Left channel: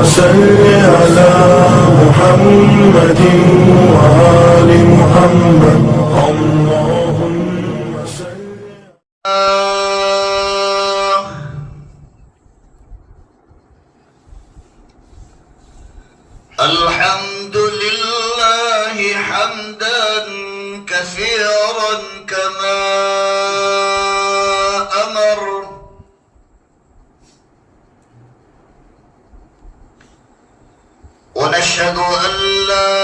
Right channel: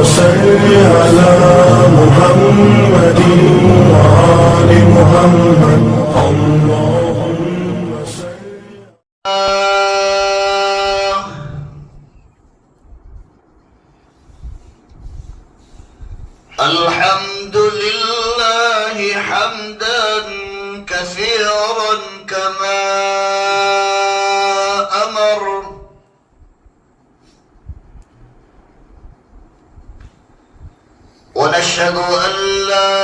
صل على محمد وآل محمد اللهم صل. الحمد لله حمدا كثيرا كما أمر، ونشهد أن لا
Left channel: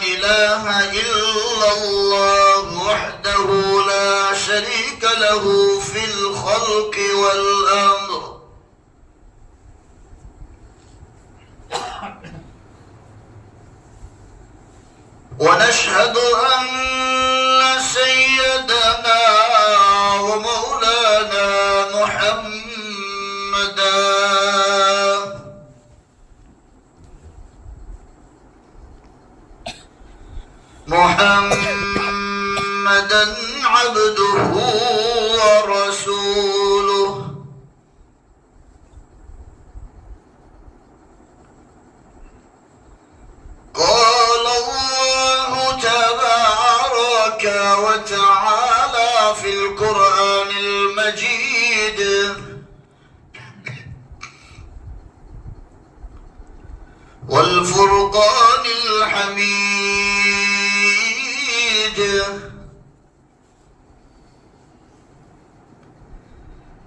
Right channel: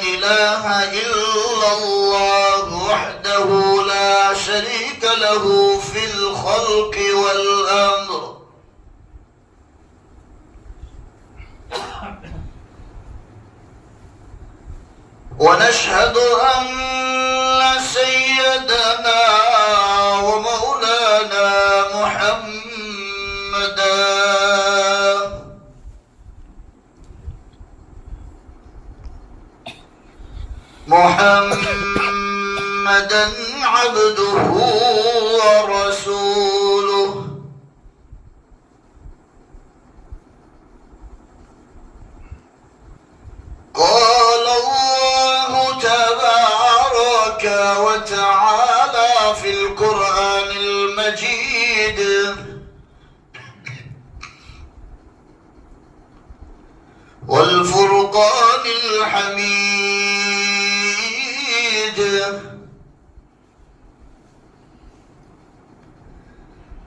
إله إلا الله وحده لا شريك له في الخلق والأمر، ونشهد أن سيدنا ومولانا محمدا عبده ورسوله، قال الله تبارك وتعالى في القرآن المجيد: والفرقان الحميد،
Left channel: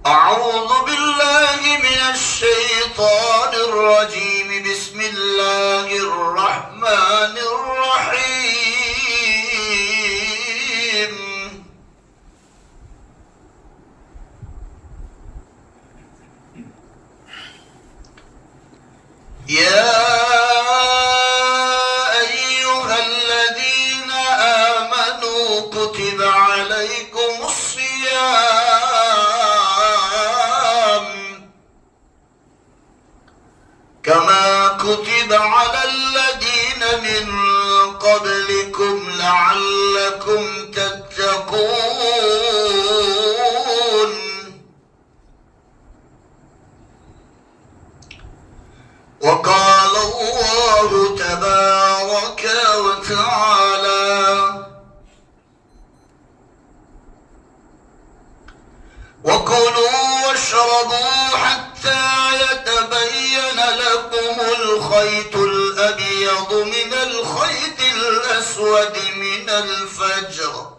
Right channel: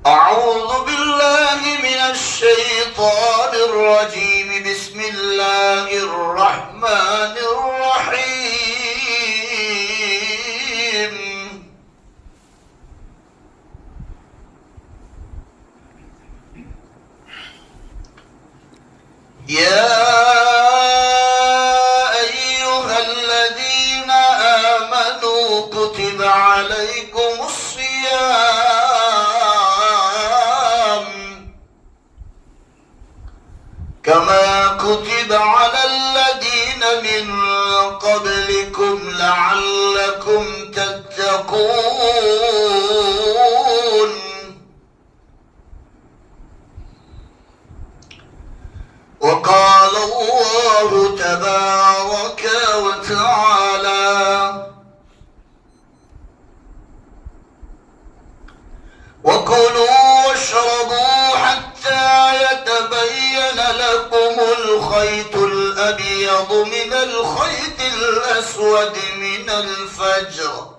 أعوذ بالله من الشيطان الرجيم، بسم الله الرحمن الرحيم. يا أيها الذين آمنوا كتب عليكم الصيام كما كتب على الذين من قبلكم لعلكم تتقون. وقال الله تبارك وتعالى: وكلوا واشربوا حتى يتبين لكم الخيط الأبيض من الخيط الأسود من الفجر.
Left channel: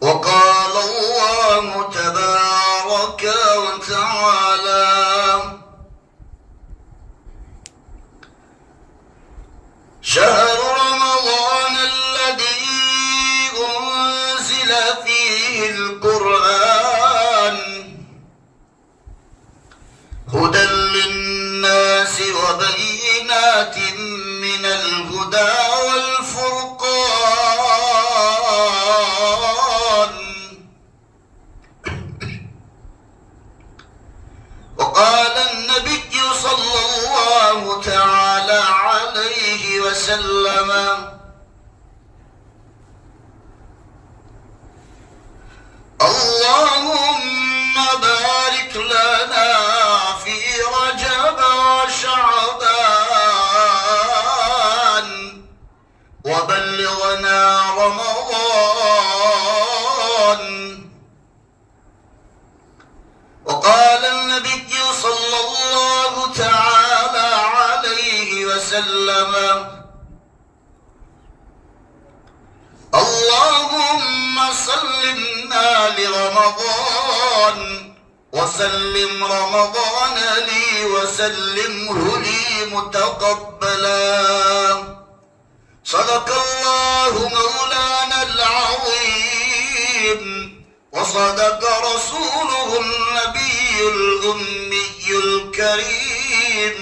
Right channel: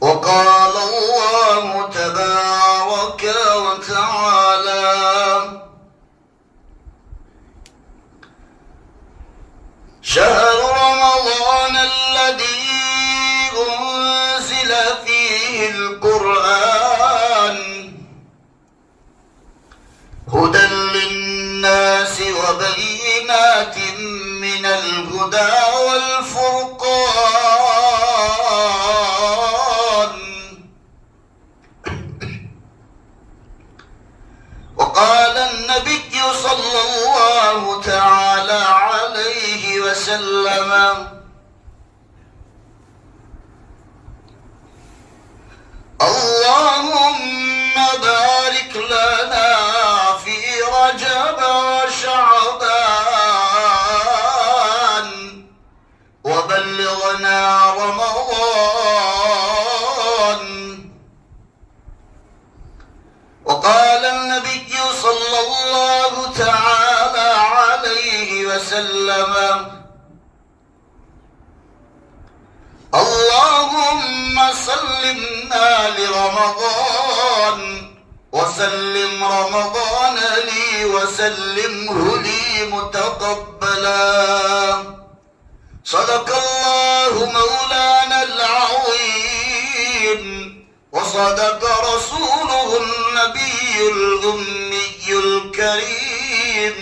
وقال الله تبارك وتعالى: شهر رمضان الذي أنزل فيه القرآن هدى للناس وبينات من الهدى والفرقان. وقال النبي صلى الله تعالى عليه وسلم: اللهم بارك لنا في رجب وشعبان وبلغنا رمضان. وقال النبي صلى الله تعالى عليه وسلم: اللهم سلمنا لرمضان وسلم رمضان لي وسلمه لي متقبلا. صدق الله مولانا العظيم وصدق رسوله النبي الأمي الكريم،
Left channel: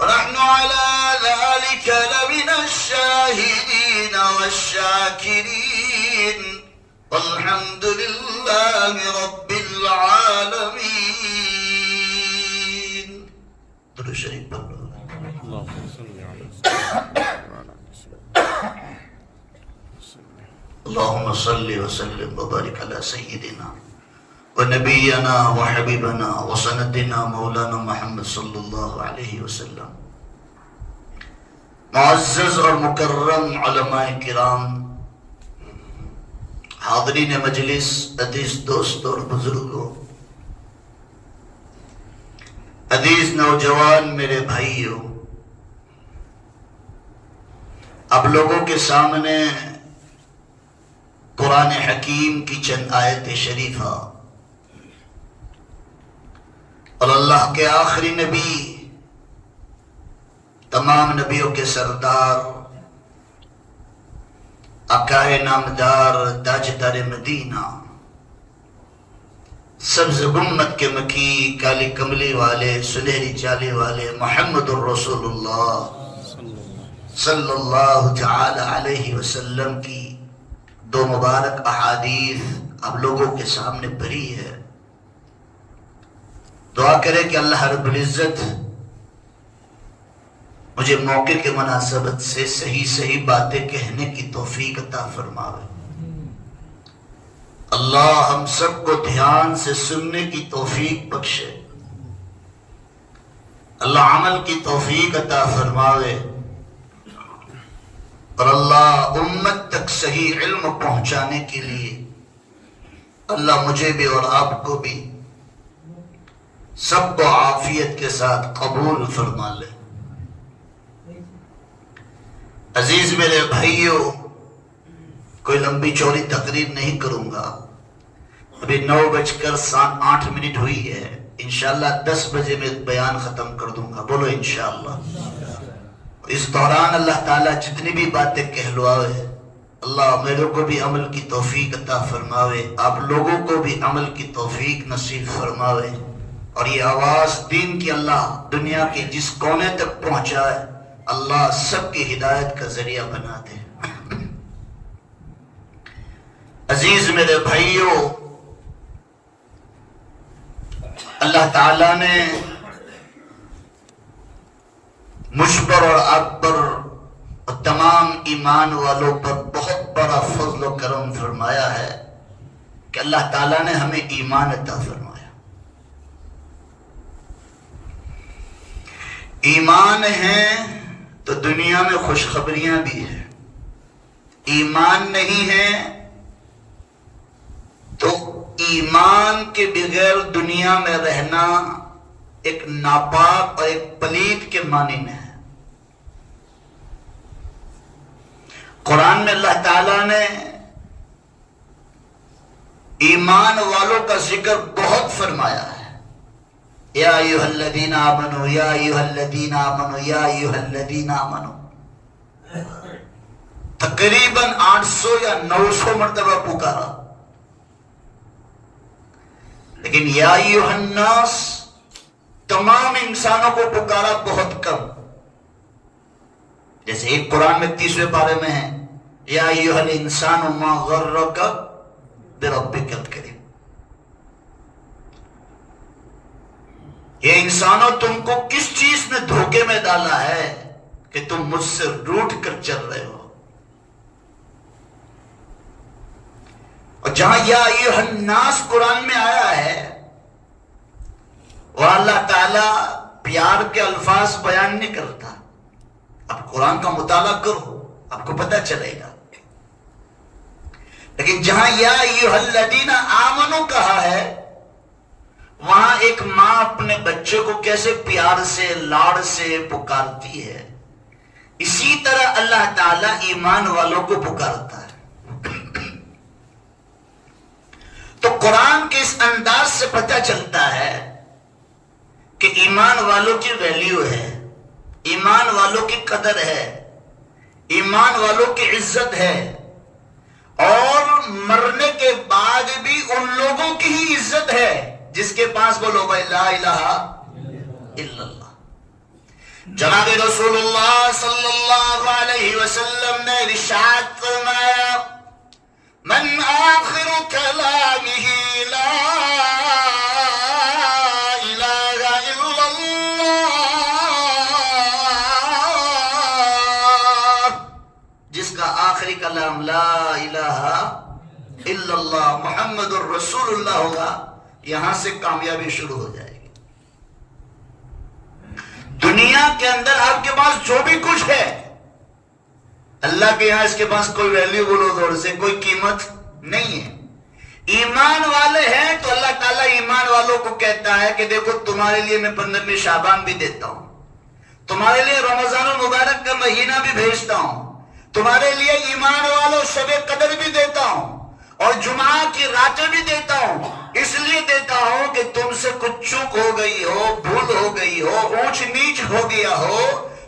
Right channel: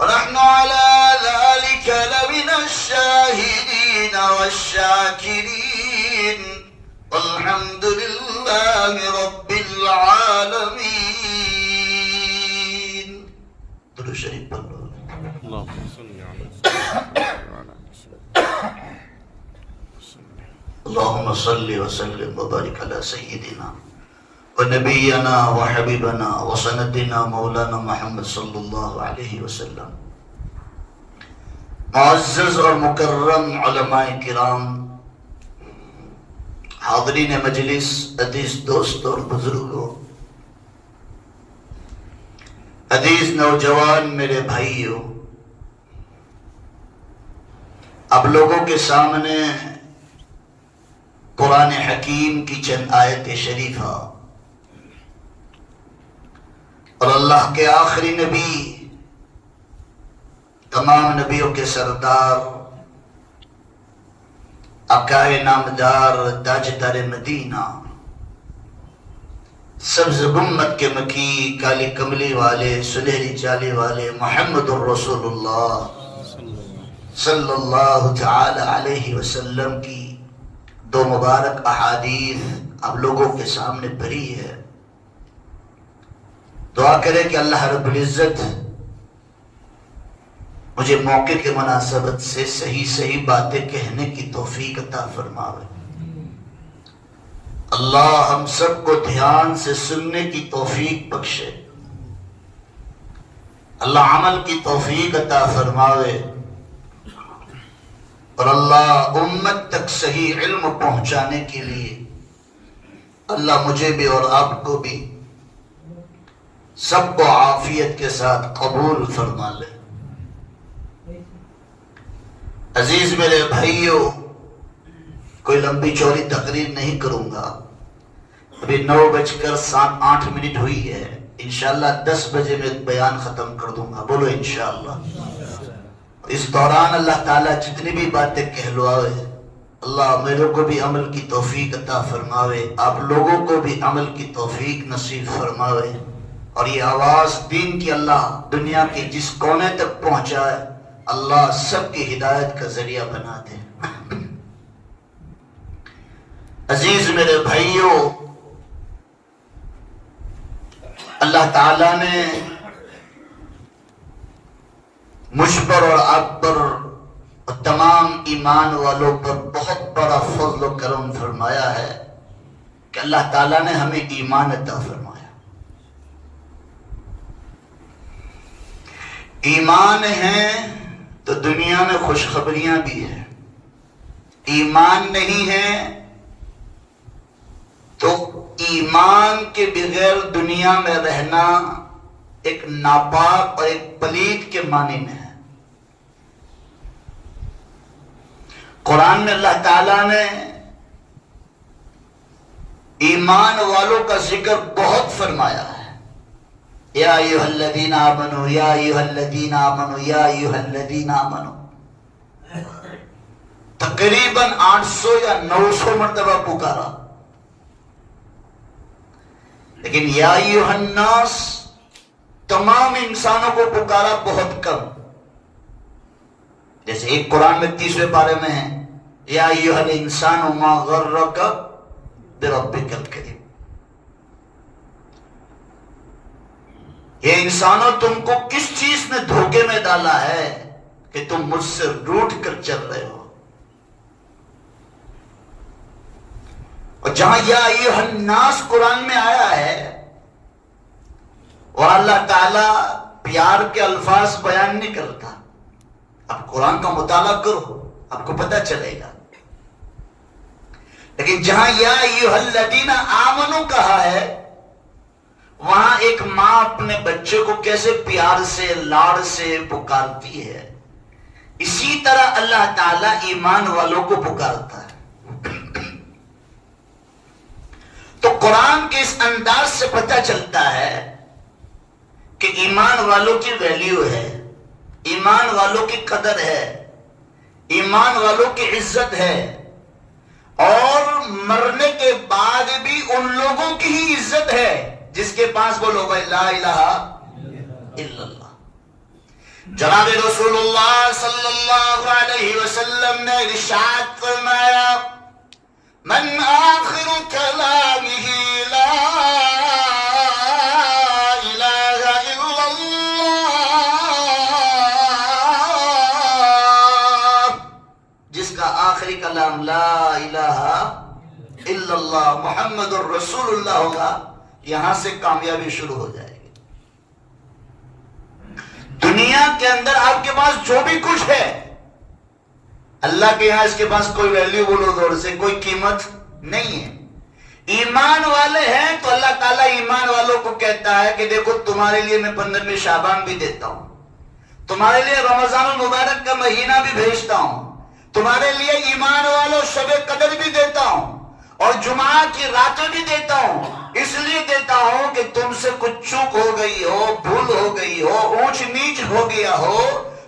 ونحن على ذلك لمن الشاهدين والشاكرين، والحمد لله رب العالمين. درود شریف پڑھو. اللهم صل على سيدنا اللهم صل وسلم وبارك على سيدنا ونبينا وحبيبنا وسندنا مولانا محمد صلی اللہ علیہ وسلم. معزز اور مکرم علماء کرام، حاضرین مجلس، عزیز دوستوں اور بزرگوں، عزیز نوجوان میرے بھائیوں، اب لوگوں کے سامنے قرآن حکیم کی چند آیت شریفہ اور اللہ کے آخری نبی، تمام نبیوں کے سردار، عقائے نامدار، تاجدار مدینہ، سبز گنبد کے مکی، کالی کملی والے، سنہری چالی والے محمد الرسول اللہ صلی اللہ تعالی علیہ وسلم کی دو مبارک احادیث اب لوگوں کے سامنے بھری ہے. دعا کرے کہ اللہ رب العزت مجھے موقع کے مناسبت سے صحیح باتیں کہنے کی توفیق عطا فرماوے. اللہ ہم سب کو دھیان سے سننے کی توفیق بخشے. اللہ عمل کی توفیق عطا فرماوے، اور اللہ امت تک صحیح علم پہنچانے کے لیے اللہ مجھے بھی اور آپ کو بھی سب کو عافیت کے ساتھ قبول فرما لے. عزیز میرے بھائیوں، کوئی لمبی چوڑی تقریر نہیں کروں گا. ابھی 9:08 ہوئی ہے. انشاءاللہ 10 بجے میں بیان ختم کر دوں گا. بولو انشاءاللہ. اس دوران اللہ تعالیٰ جتنی بھی باتیں کہلوائے، اللہ میرے کو بھی عمل کی توفیق عطا فرماوے، آپ لوگوں کو بھی عمل کی توفیق نصیب فرماوے، اور یہ آواز دین کی اللہ دنیا کے جس کونے تک پہنچائے، اللہ سب کی ہدایت کا ذریعہ بنا دے. عزیز میرے بھائیوں، اللہ تعالیٰ نے مجھ پر اور آپ پر اور تمام ایمان والوں پر بہت بڑا فضل و کرم فرمایا ہے کہ اللہ تعالیٰ نے ہمیں ایمان عطا فرمایا. ایمان ہے تو دنیا میں خوشخبریاں بھی ہیں. ایمان نہیں ہے تو ایمان کے بغیر دنیا میں رہنا ایک ناپاک اور ایک پلید کے معنی میں ہے. قرآن میں اللہ تعالیٰ نے ایمان والوں کا ذکر بہت فرمایا ہے. یا ایھا الذین آمنوا، یا ایھا الذین آمنوا، یا ایھا الذین آمنوا، تقریباً 800 یا 900 مرتبہ پکارا. لیکن یا ایھا الناس تمام انسانوں کو پکارا بہت کم. جیسے ایک قرآن میں 30ویں پارے میں ہے، یا ایھا الانسان ما غرک بربک الکریم. یہ انسانوں تم کو کس چیز نے دھوکے میں ڈالا ہے کہ تم مجھ سے روٹ کر چل رہے ہو. اور جہاں یا ایھا الناس قرآن میں آیا ہے اور اللہ تعالیٰ پیار کے الفاظ بیان نہیں کرتا. اب قرآن کا مطالعہ کرو، آپ کو پتہ چلے گا. لیکن جہاں یا ایھا الذین آمنوا کہا ہے، وہاں ایک ماں اپنے بچے کو کیسے پیار سے لاڑ سے پکارتی ہے، اسی طرح اللہ تعالیٰ ایمان والوں کو پکارتا ہے. تو قرآن کے اس انداز سے پتہ چلتا ہے کہ ایمان والوں کی ویلیو ہے، ایمان والوں کی قدر ہے، ایمان والوں کی عزت ہے، اور مرنے کے بعد بھی ان لوگوں کی ہی عزت ہے جس کے پاس وہ لوگ لا الہ الا اللہ. جناب رسول اللہ صلی اللہ علیہ وسلم نے ارشاد فرمایا، من آخر کلامہ لا الہ الا اللہ، جس کا آخری کلام لا الہ الا اللہ محمد الرسول اللہ ہوگا، یہاں سے کامیابی شروع ہو جائے گی. دنیا کے اندر آپ کے پاس جو بھی کچھ ہے، اللہ کے یہاں اس کے پاس کوئی ویلیو بولو دور سے کوئی قیمت نہیں ہے. ایمان والے ہیں تو اللہ تعالیٰ ایمان والوں کو کہتا ہے کہ دیکھو تمہارے لیے میں 15 شعبان بھی دیتا ہوں، تمہارے لیے رمضان المبارک کا مہینہ بھی بھیجتا ہوں، تمہارے لیے ایمان والوں شب قدر بھی دیتا ہوں، اور جمعہ کی راتیں بھی دیتا ہوں. اس لیے دیتا ہوں کہ تم سے کچھ چوک ہو گئی ہو، بھول ہو گئی ہو، اونچ نیچ ہو گیا ہو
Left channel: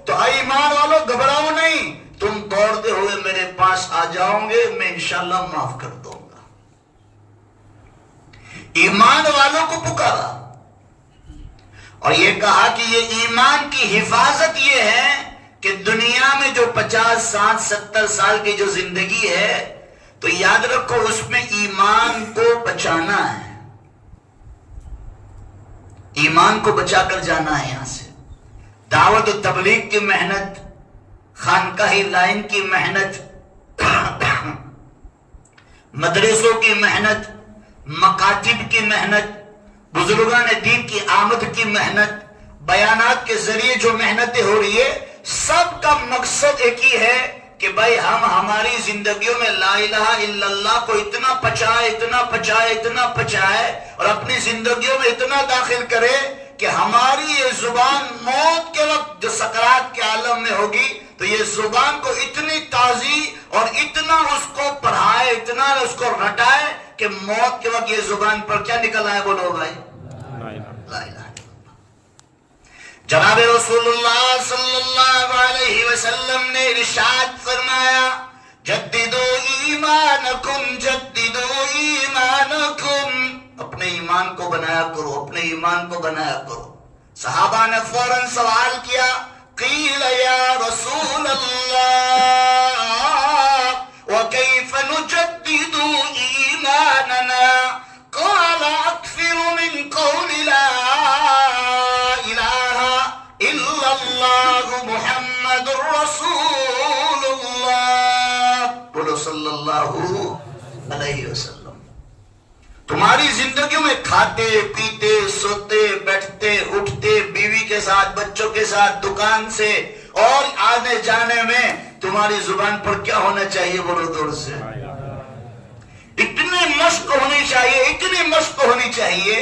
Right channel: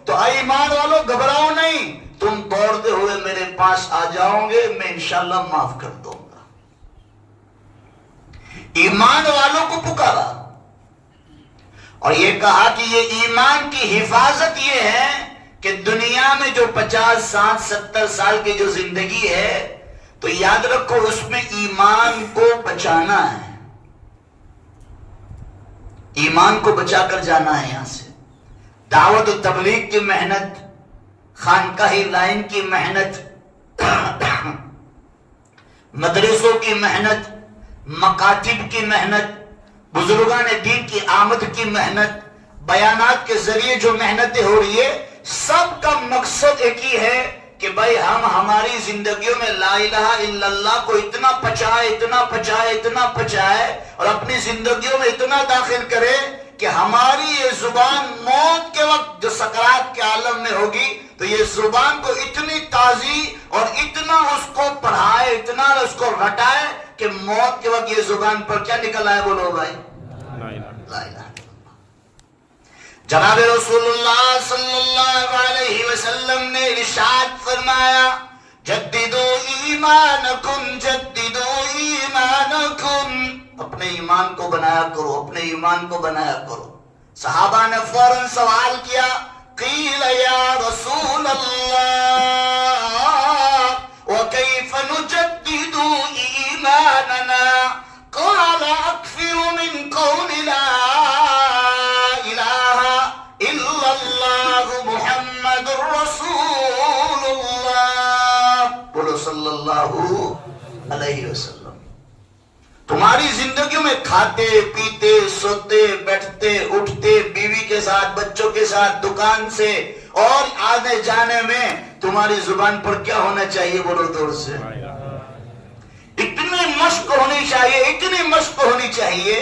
تو اے ایمان والوں گھبراؤ نہیں، تم دوڑتے ہوئے میرے پاس آ جاؤ گے، میں انشاءاللہ معاف کر دوں گا. ایمان والوں کو پکارا اور یہ کہا کہ یہ ایمان کی حفاظت یہ ہے کہ دنیا میں جو 50 60 70 سال کی جو زندگی ہے تو یاد رکھو اس میں ایمان کو بچانا ہے، ایمان کو بچا کر جانا ہے. یہاں سے دعوت و تبلیغ کی محنت، خانقاہی لائن کی محنت، مدرسوں کی محنت، مکاتب کی محنت، بزرگان دین کی آمد کی محنت، بیانات کے ذریعے جو محنتیں ہو رہی ہے، سب کا مقصد ایک ہی ہے کہ بھائی ہم ہماری زندگیوں میں لا الہ الا اللہ کو اتنا پچائے اتنا پچائے اتنا پچائے اور اپنی زندگیوں میں اتنا داخل کرے کہ ہماری یہ زبان موت کے وقت جو سکرات کے عالم میں ہوگی تو یہ زبان کو اتنی تازی اور اتنا اس کو پڑھائے، اتنا اس کو رٹائے کہ موت کے وقت یہ زبان پر کیا نکل آئے؟ بولو بھائی لا الہ الا اللہ. جناب رسول اللہ صلی اللہ علیہ وسلم نے ارشاد فرمایا جددو ایمانکم جددو ایمانکم، اپنے ایمان کو بنایا کرو، اپنے ایمان کو بنایا کرو. صحابہ نے فوراً سوال کیا قیل یا رسول اللہ وکیف نجدد ایماننا قال اکثر من قول لا الہ الا اللہ محمد رسول اللہ. بولو صلی اللہ علیہ وسلم. تمہاری زندگیوں میں کھاتے پیتے سوتے بیٹھتے اٹھتے بیوی کے ساتھ بچوں کے ساتھ دکان سے اور آنے جانے میں تمہاری زبان پر کیا ہونا چاہیے؟ بولو دور سے اتنی مشق ہونی چاہیے، اتنی مشق ہونی چاہیے.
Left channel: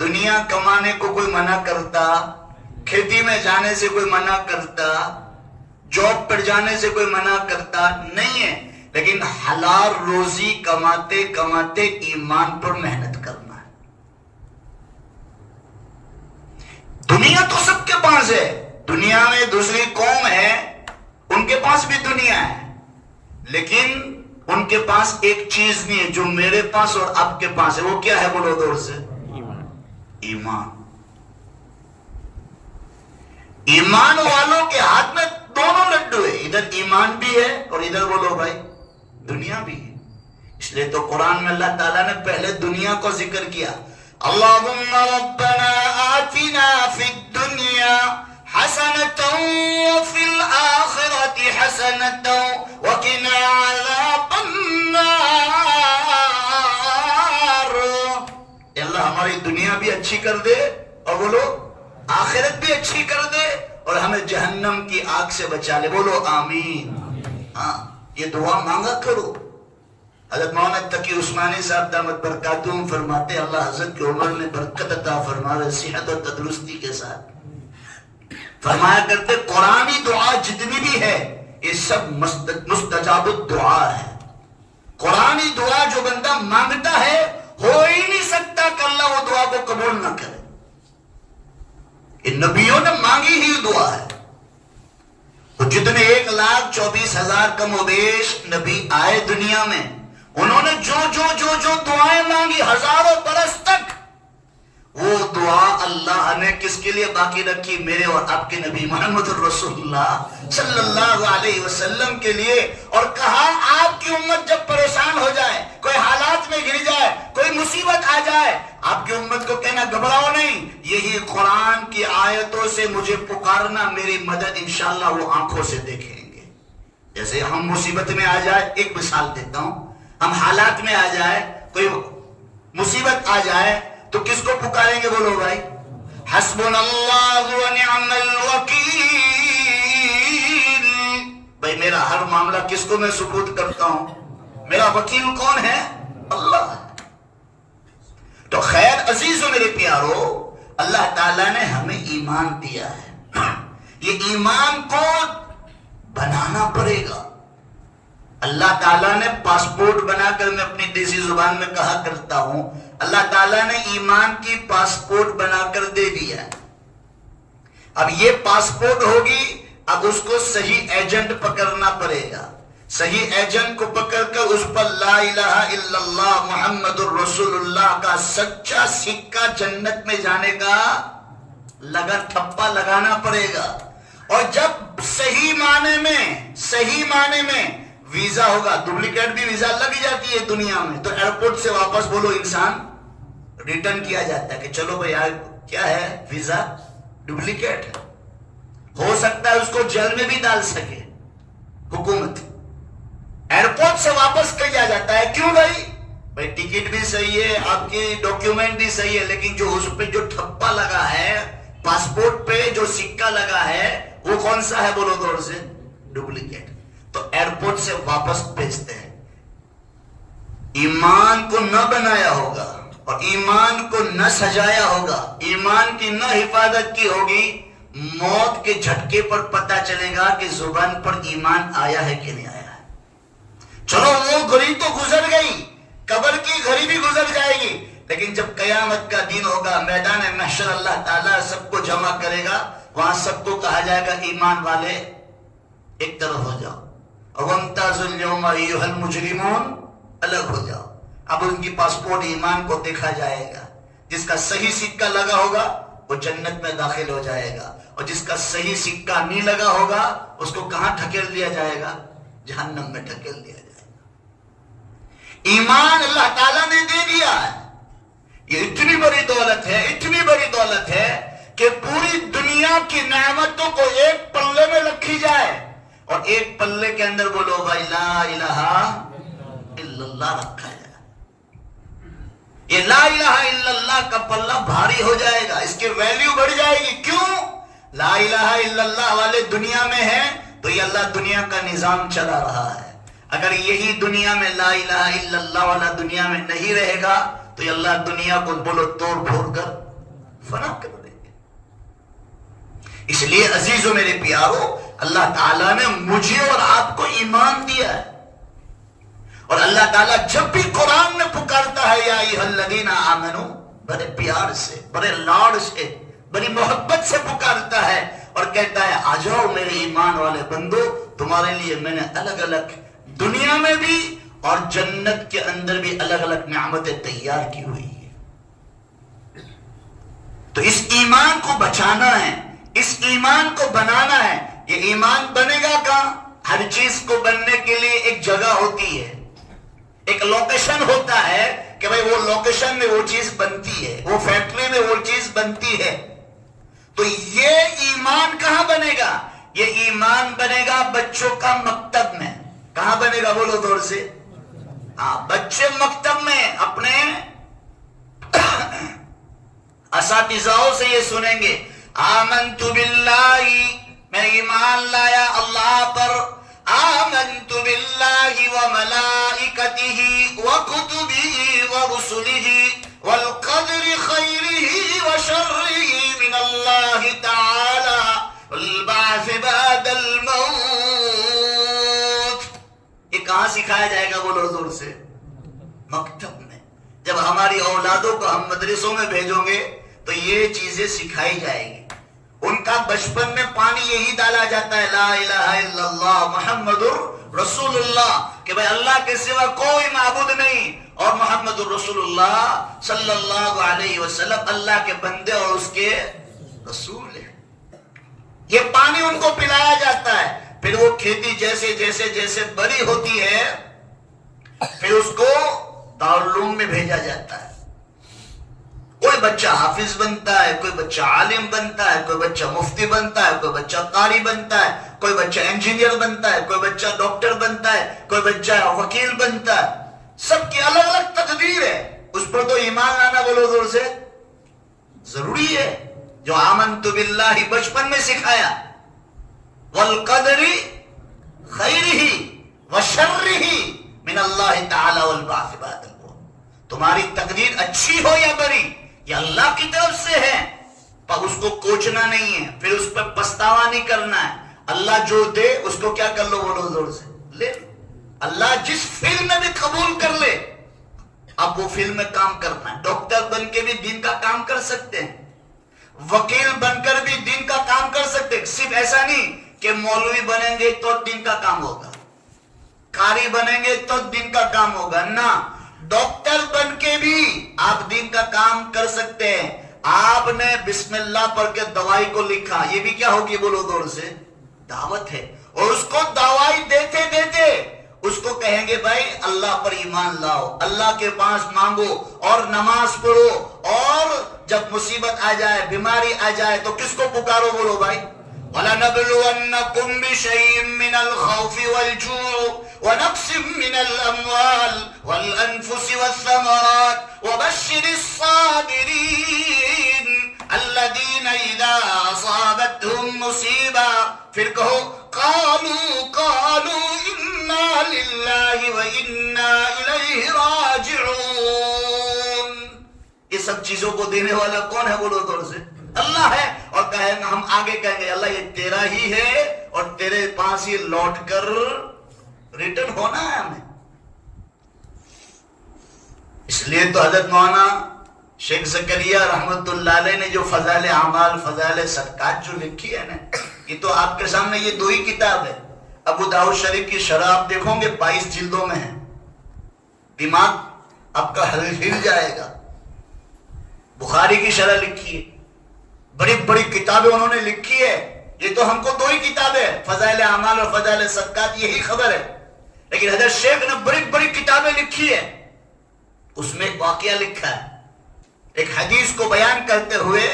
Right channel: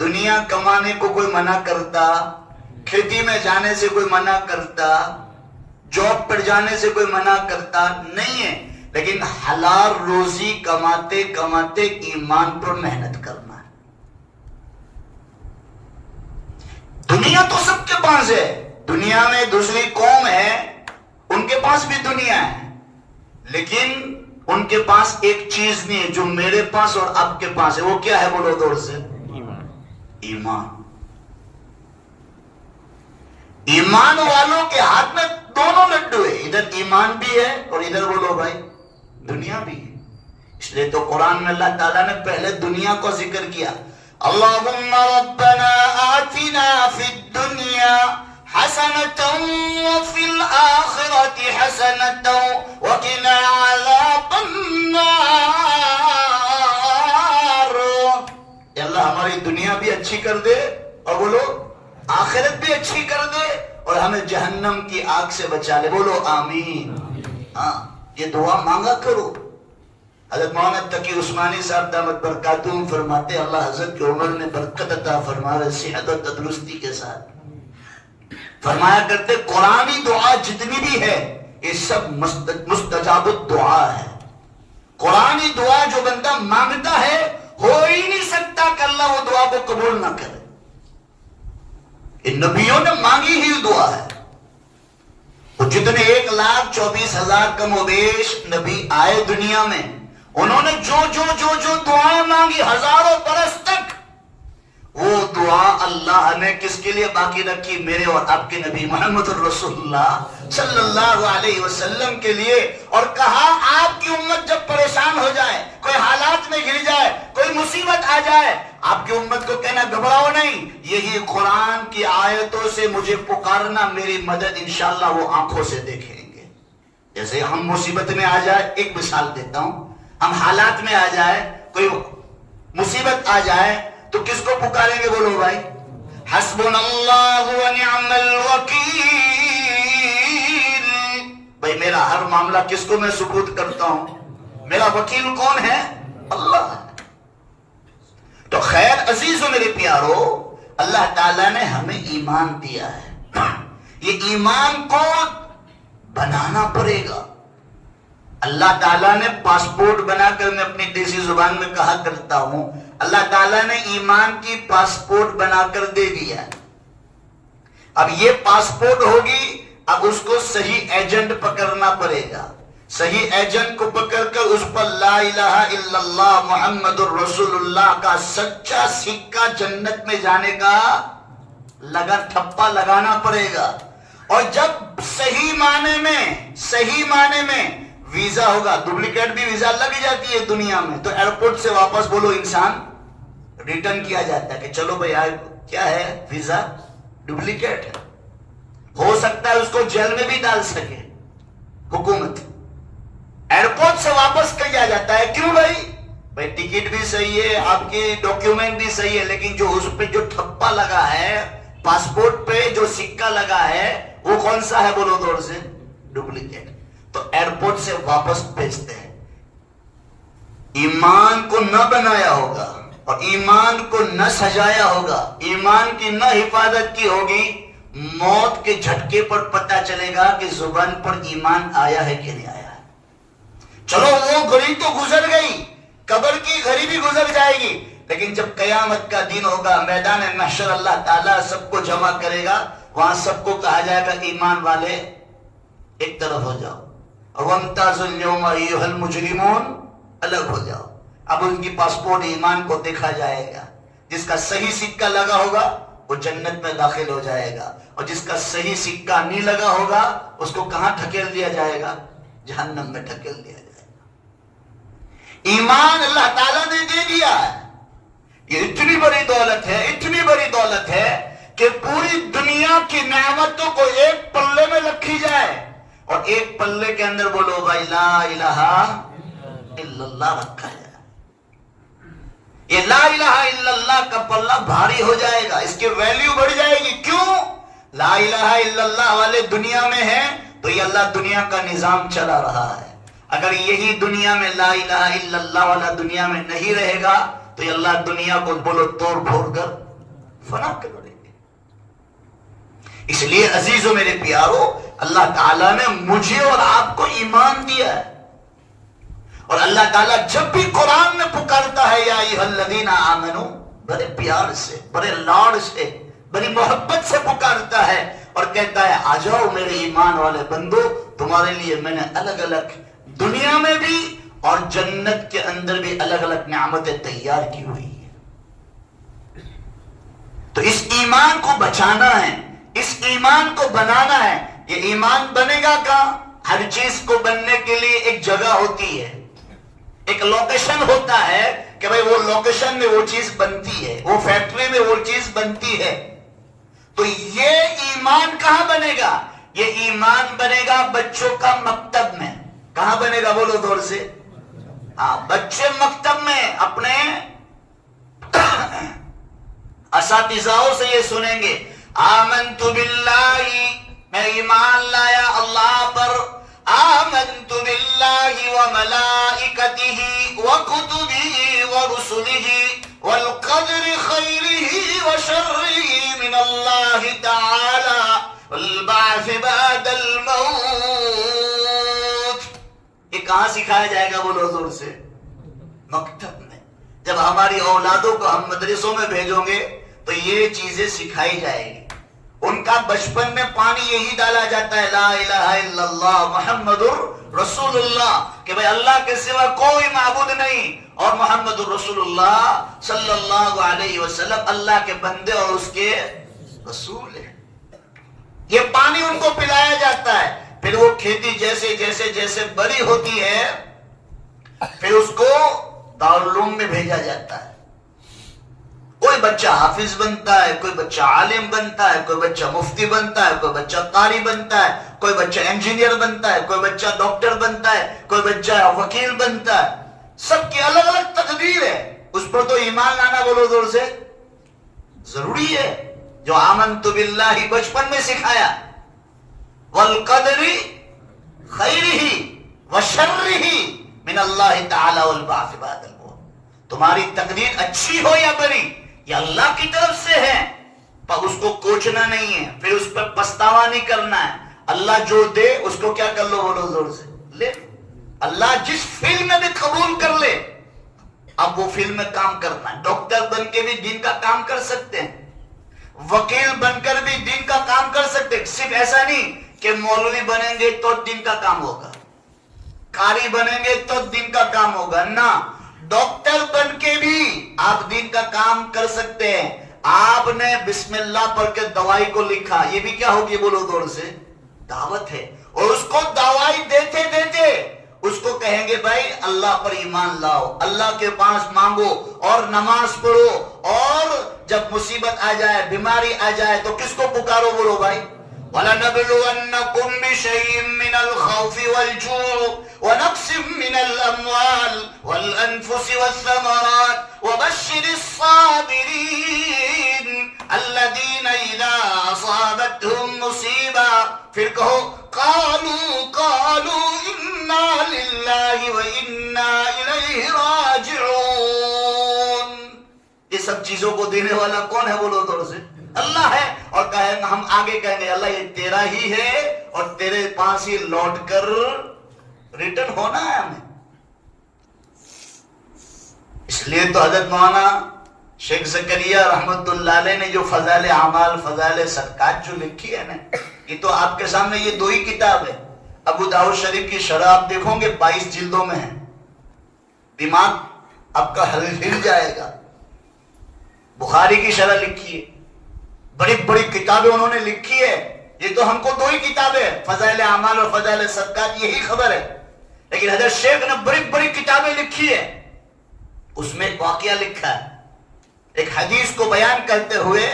دنیا کمانے کو کوئی منع کرتا، کھیتی میں جانے سے کوئی منع کرتا، جاب پر جانے سے کوئی منع کرتا نہیں ہے، لیکن حلال روزی کماتے کماتے ایمان پر محنت کرنا ہے. دنیا تو سب کے پاس ہے، دنیا میں دوسری قوم ہے ان کے پاس بھی دنیا ہے، لیکن ان کے پاس ایک چیز نہیں ہے جو میرے پاس اور آپ کے پاس ہے. وہ کیا ہے؟ بولو دور سے ایمان. ایمان. ایمان والوں کے ہاتھ میں دونوں لڈو ہے، ادھر ایمان بھی ہے اور ادھر بولو بھائی دنیا بھی ہے. اس لیے تو قرآن میں اللہ تعالیٰ نے پہلے دنیا کو ذکر کیا. اللہم ربنا آتنا فی الدنیا حسنۃ وفی الآخرۃ حسنۃ وقنا عذاب النار. اللہ ہماری دنیا بھی اچھی کر دے اور بولو آخرت بھی اچھی کر دے اور ہمیں جہنم کی آگ سے بچا لے. بولو آمین. ہاں یہ دعا مانگا کرو. حضرت مولانا تقی عثمانی صاحب دامت برکاتہم فرماتے اللہ حضرت کی عمر میں برکت عطا فرمائے صحت اور تندرستی کے ساتھ. فرمایا کرتے قرآنی دعا جتنی بھی ہے یہ سب مستجاب الدعا ہے. قرآنی دعا جو بندہ مانگتا ہے ہو ہی نہیں سکتا کہ اللہ وہ دعا کو قبول نہ کرے. ان نبیوں نے مانگی ہی دعا ہے. وہ جتنے 1,24,000 کم و بیش نبی آئے دنیا میں انہوں نے جو دعائیں مانگی ہزاروں برس تک وہ دعا اللہ نے کس کے لیے باقی رکھی؟ میرے اور آپ کے نبی محمد الرسول اللہ صلی اللہ علیہ وسلم کے لیے. اور کہا آپ کی امت جب پریشان ہو جائے، کوئی حالات میں گر جائے، کوئی مصیبت آ جائے، آپ کی امت کو کہنا گھبراؤ نہیں، یہی قرآن کی آیتوں سے مجھے پکارنا، میری مدد انشاءاللہ وہ آنکھوں سے دیکھیں گے. جیسے ہم مصیبت میں آ جائے، ایک مثال دیتا ہوں، ہم حالات میں آ جائے، کوئی مصیبت آ جائے تو کس کو پکاریں گے؟ بولو بھائی، حسبنا اللہ و نعم الوکیل. بھائی میرا ہر معاملہ کس کو میں سپرد کرتا ہوں؟ میرا وکیل کون ہے؟ اللہ. تو خیر عزیزو میرے پیارو، اللہ تعالیٰ نے ہمیں ایمان دیا ہے. یہ ایمان کو بنانا پڑے گا. اللہ تعالیٰ نے پاسپورٹ بنا کر، میں اپنی دیسی زبان میں کہا کرتا ہوں، اللہ تعالیٰ نے ایمان کی پاسپورٹ بنا کر دے دیا. اب یہ پاسپورٹ ہوگی، اب اس کو صحیح ایجنٹ پکڑنا پڑے گا. صحیح ایجنٹ کو پکڑ کر اس پر لا الہ الا اللہ محمد الرسول اللہ کا سچا سکہ جنت میں جانے کا ٹھپا لگانا پڑے گا. اور جب صحیح معنی میں ویزا ہوگا، ڈپلیکیٹ بھی ویزا لگ جاتی ہے دنیا میں، تو ایئرپورٹ سے واپس بولو انسان ریٹرن کیا جاتا ہے کہ چلو بھائی یار کیا ہے، ویزا ڈپلیکیٹ ہے. ہو سکتا ہے اس کو جیل میں بھی ڈال سکے حکومت. ایئرپورٹ سے واپس کیا جاتا ہے. کیوں بھائی ٹکٹ بھی صحیح ہے، آپ کی ڈاکیومنٹ بھی صحیح ہے، لیکن جو اس پہ جو ٹھپا لگا ہے، پاسپورٹ پہ جو سکہ لگا ہے، وہ کون سا ہے؟ بولو دور سے، ڈپلیکیٹ. تو ایئرپورٹ سے واپس بھیجتے ہیں. ایمان کو نہ بنایا ہوگا اور ایمان کو نہ سجایا ہوگا، ایمان کی نہ حفاظت کی ہوگی، موت کے جھٹکے پر پتہ چلے گا کہ زبان پر ایمان آیا ہے کہ نہیں آیا. چلو وہ گھڑی تو گزر گئی، قبر کی گھڑی بھی گزر جائے گی، لیکن جب قیامت کا دن ہوگا، میدان محشر اللہ تعالیٰ سب کو جمع کرے گا، وہاں سب کو کہا جائے گا ایمان والے ایک طرف ہو جاؤ، وَامْتَازُوا الْيَوْمَ أَيُّهَا الْمُجْرِمُونَ الگ ہو جاؤ. اب ان کی پاسپورٹ ایمان کو دیکھا جائے گا. جس کا صحیح سکہ لگا ہوگا وہ جنت میں داخل ہو جائے گا، اور جس کا صحیح سکہ نہیں لگا ہوگا اس کو کہاں ڈھکیل دیا جائے گا؟ جہنم میں ڈھکیل دیا جائے گا. ایمان اللہ تعالیٰ نے دے دیا ہے. یہ اتنی بڑی دولت ہے کہ پوری دنیا کی نعمتوں کو ایک پلے میں رکھی جائے، اور ایک پلے کے اندر بولو بھائی لا الہ الا اللہ رکھا جائے. یہ لا الہ الا اللہ کا پلہ بھاری ہو جائے گا، اس کی ویلیو بڑھ جائے گی. کیوں؟ لا الہ الا اللہ والے دنیا میں ہیں تو یہ اللہ دنیا کا نظام چلا رہا ہے. اگر یہی دنیا میں لا الہ الا اللہ والا دنیا میں نہیں رہے گا تو یہ اللہ دنیا کو بولو توڑ پھوڑ کر فنا کر دے گے. اس لیے عزیزو میرے پیارو، اللہ تعالیٰ نے مجھے اور آپ کو ایمان دیا ہے. اور اللہ تعالیٰ جب بھی قرآن میں پکارتا ہے یا ایھا الذین آمنو، بڑے پیار سے، بڑے لاڈ سے، بڑی محبت سے پکارتا ہے اور کہتا ہے آ جاؤ میرے ایمان والے بندو، تمہارے لیے میں نے الگ الگ دنیا میں بھی اور جنت کے اندر بھی الگ الگ نعمتیں تیار کی ہوئی ہیں. تو اس ایمان کو بچانا ہے، اس ایمان کو بنانا ہے. یہ ایمان بنے گا کہاں؟ ہر چیز کو بننے کے لیے ایک جگہ ہوتی ہے، ایک لوکیشن ہوتا ہے کہ بھئی وہ لوکیشن میں وہ چیز بنتی ہے، وہ فیکٹری میں وہ چیز بنتی ہے. تو یہ ایمان کہاں بنے گا؟ یہ ایمان بنے گا بچوں کا مکتب میں. کہاں بنے گا؟ بولو دور سے. بچے مکتب میں اپنے اساتذاؤں سے یہ سنیں گے آمنت باللہ، میں ایمان لایا اللہ پر، آمنت باللہ وملائکتہ وکتبہ ورسلہ والقدر خیرہ وشرہ من اللہ تعالی والبعث بعد الموت. یہ کہاں سکھایا جائے گا؟ بولو زور سے. مکتب میں. جب ہماری اولادوں کو ہم مدرسوں میں بھیجوں گے تو یہ چیزیں سکھائی جائے گی. ان کا بچپن میں پانی یہی ڈالا جاتا ہے لا الہ الا اللہ محمد رسول اللہ، کہ بھئی اللہ کے سوا کوئی معبود نہیں اور محمد رسول اللہ صلی اللہ علیہ وسلم اللہ کے بندے اور اس کے رسول ہیں. یہ پانی ان کو پلایا جاتا ہے. پھر وہ کھیتی جیسے جیسے جیسے بڑی ہوتی ہے پھر اس کو دارالعلوم میں بھیجا جاتا ہے. کوئی بچہ حافظ بنتا ہے، کوئی بچہ عالم بنتا ہے، کوئی بچہ مفتی بنتا ہے، کوئی بچہ قاری بنتا ہے، کوئی بچہ انجینئر بنتا ہے، کوئی بچہ ڈاکٹر بنتا ہے، کوئی بچہ وکیل بنتا ہے. سب کی الگ الگ تقدیر ہے. اس پر تو ایمان لانا بولو زور سے ضروری ہے، جو آمنت باللہ بچپن میں سکھایا، والقدر خیرہ وشرہ من اللہ تعالی والبعث بعد الموت، تمہاری تقدیر اچھی ہو یا بری یہ اللہ کی طرف سے ہے، پر اس کو کوچنا نہیں ہے، پھر اس پر پچھتاوا نہیں کرنا ہے، اللہ جو دے اس کو کیا کر لو بولو زور سے لے، اللہ جس فیلڈ میں بھی قبول کر لے اب وہ فیلڈ میں کام کرنا ہے، ڈاکٹر بن کے بھی دین کا کام کر سکتے ہیں، وکیل بن کر بھی دین کا کام کر سکتے ہیں، صرف ایسا نہیں کہ مولوی بنیں گے تو دین کا کام ہوگا، قاری بنیں گے تو دین کا کام ہوگا، نہ، ڈاکٹر بن کے بھی آپ دین کا کام کر سکتے ہیں، آپ نے بسم اللہ پڑھ کے دوائی کو لکھا، یہ بھی کیا ہوگی بولو دور سے دعوت ہے، اور اس کو دوائی دیتے دیتے اس کو کہیں گے بھائی اللہ پر ایمان لاؤ، اللہ کے پاس مانگو اور نماز پڑھو، اور جب مصیبت آ جائے بیماری آ جائے تو کس کو پکارو بولو بھائی وَلَنَبْلُوَنَّكُمْ بِشَيْءٍ مِّنَ الْخَوْفِ وَالْجُوعِ وَنَقْصٍ مِّنَ الْأَمْوَالِ وَالْأَنفُسِ وَالثَّمَرَاتِ وَبَشِّرِ الصَّابِرِينَ الَّذِينَ إِذَا أَصَابَتْهُمْ مُصِيبَةٌ پھر کہو قالوا اِنَّا لِلَّهِ وَإِنَّا إِلَيْهِ رَاجِعُونَ، یہ سب چیزوں کو دینے والا کون ہے بولو دور سے اللہ ہے، اور کہیں ہم آگے کہیں گے اللہ یہ تیرا ہی ہے اور تیرے پاس ہی لوٹ کر ریٹرن ہونا ہے ہمیں۔ اس لیے تو حضرت مولانا شیخ زکریا رحمت اللہ علیہ نے جو فضائل اعمال فضائل صدقات جو لکھی ہے نا، یہ تو آپ کے سامنے یہ دو ہی کتاب ہے، ابو داؤد شریف کی شرح آپ دیکھو گے 22 جلدوں میں ہے، دماغ آپ کا ہل جائے گا، بخاری کی شرح لکھی ہے، بڑی بڑی کتابیں انہوں نے لکھی ہے، یہ تو ہم کو دو ہی کتابیں فضائل اعمال اور فضائل صدقات یہی خبر ہے، لیکن حضرت شیخ نے بڑی بڑی کتابیں لکھی ہے، اس میں ایک واقعہ لکھا ہے، ایک حدیث کو بیان کرتے ہوئے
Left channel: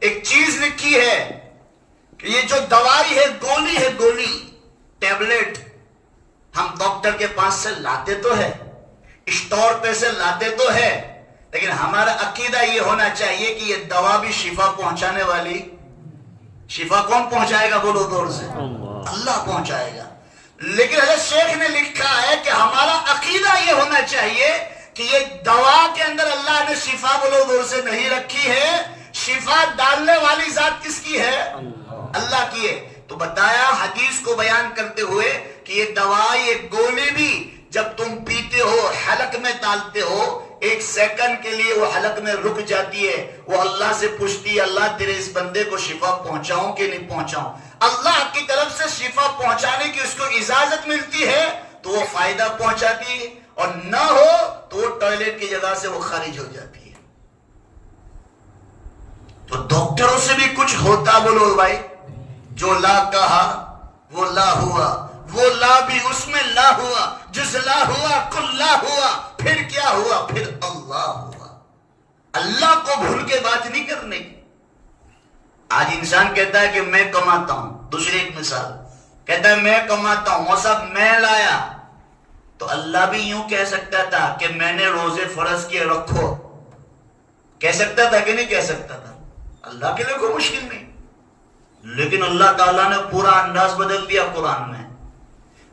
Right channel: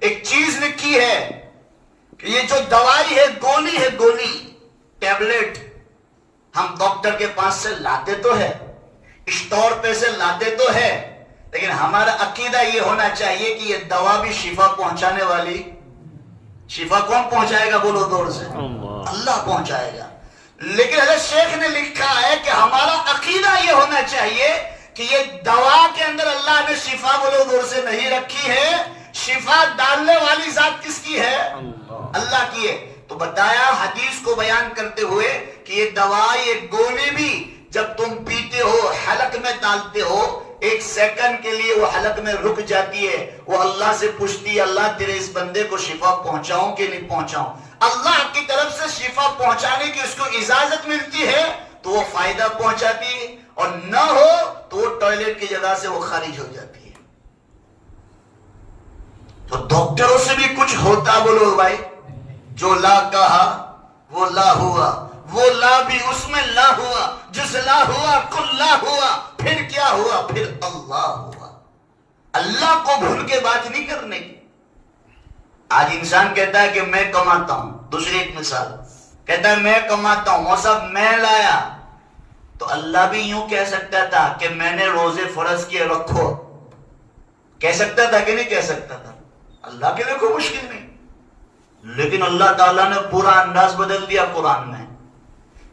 ایک چیز لکھی ہے کہ یہ جو دوائی ہے گولی ٹیبلٹ ہم ڈاکٹر کے پاس سے لاتے تو ہے، اسٹور پہ سے لاتے تو ہے، لیکن ہمارا عقیدہ یہ ہونا چاہیے کہ یہ دوا بھی شفا پہنچانے والی، شفا کون پہنچائے گا بولو دور سے اللہ پہنچائے گا، لیکن حضرت شیخ نے لکھا ہے کہ ہمارا عقیدہ یہ ہونا چاہیے کہ یہ دوا کے اندر اللہ نے شفا بولو دور سے نہیں رکھی ہے، شفا ڈالنے والی ذات کس کی ہے اللہ کی ہے، تو بتایا حدیث کو بیان کرتے ہوئے کہ یہ دوا یہ گولی بھی جب تم پیتے ہو حلق میں ڈالتے ہو 1 سیکنڈ کے لیے وہ حلق میں رک جاتی ہے، وہ اللہ سے پوچھتی ہے اللہ تیرے اس بندے کو شفا پہنچاؤں کہ نہیں پہنچاؤں، اللہ کی طرف سے شفا پہنچانے کی اس کو اجازت ملتی ہے تو وہ فائدہ پہنچاتی ہے، اور نہ ہو تو وہ ٹوائلٹ کی جگہ سے وہ خارج ہو جاتی ہے۔ تو ڈاکٹروں سے بھی کچھ ہوتا بولو بھائی، جو لا کہا وہ لا ہوا، وہ لا بھی اس میں لا ہوا، جس لا ہوا کل لا ہوا، پھر کیا ہوا پھر اللہ ہوا، اللہ کو بھول کے بات نہیں کرنے کی۔ آج انسان کہتا ہے کہ میں کماتا ہوں، دوسری ایک مثال کہتا ہے میں کماتا ہوں، وہ سب میں لایا، تو اللہ بھی یوں کہہ سکتا تھا کہ میں نے روزے فرض کیے رکھو، کہہ سکتا تھا کہ نہیں کہہ سکتا تھا، اللہ کے لیے کوئی مشکل نہیں، لیکن اللہ تعالیٰ نے پورا انداز بدل دیا قرآن میں،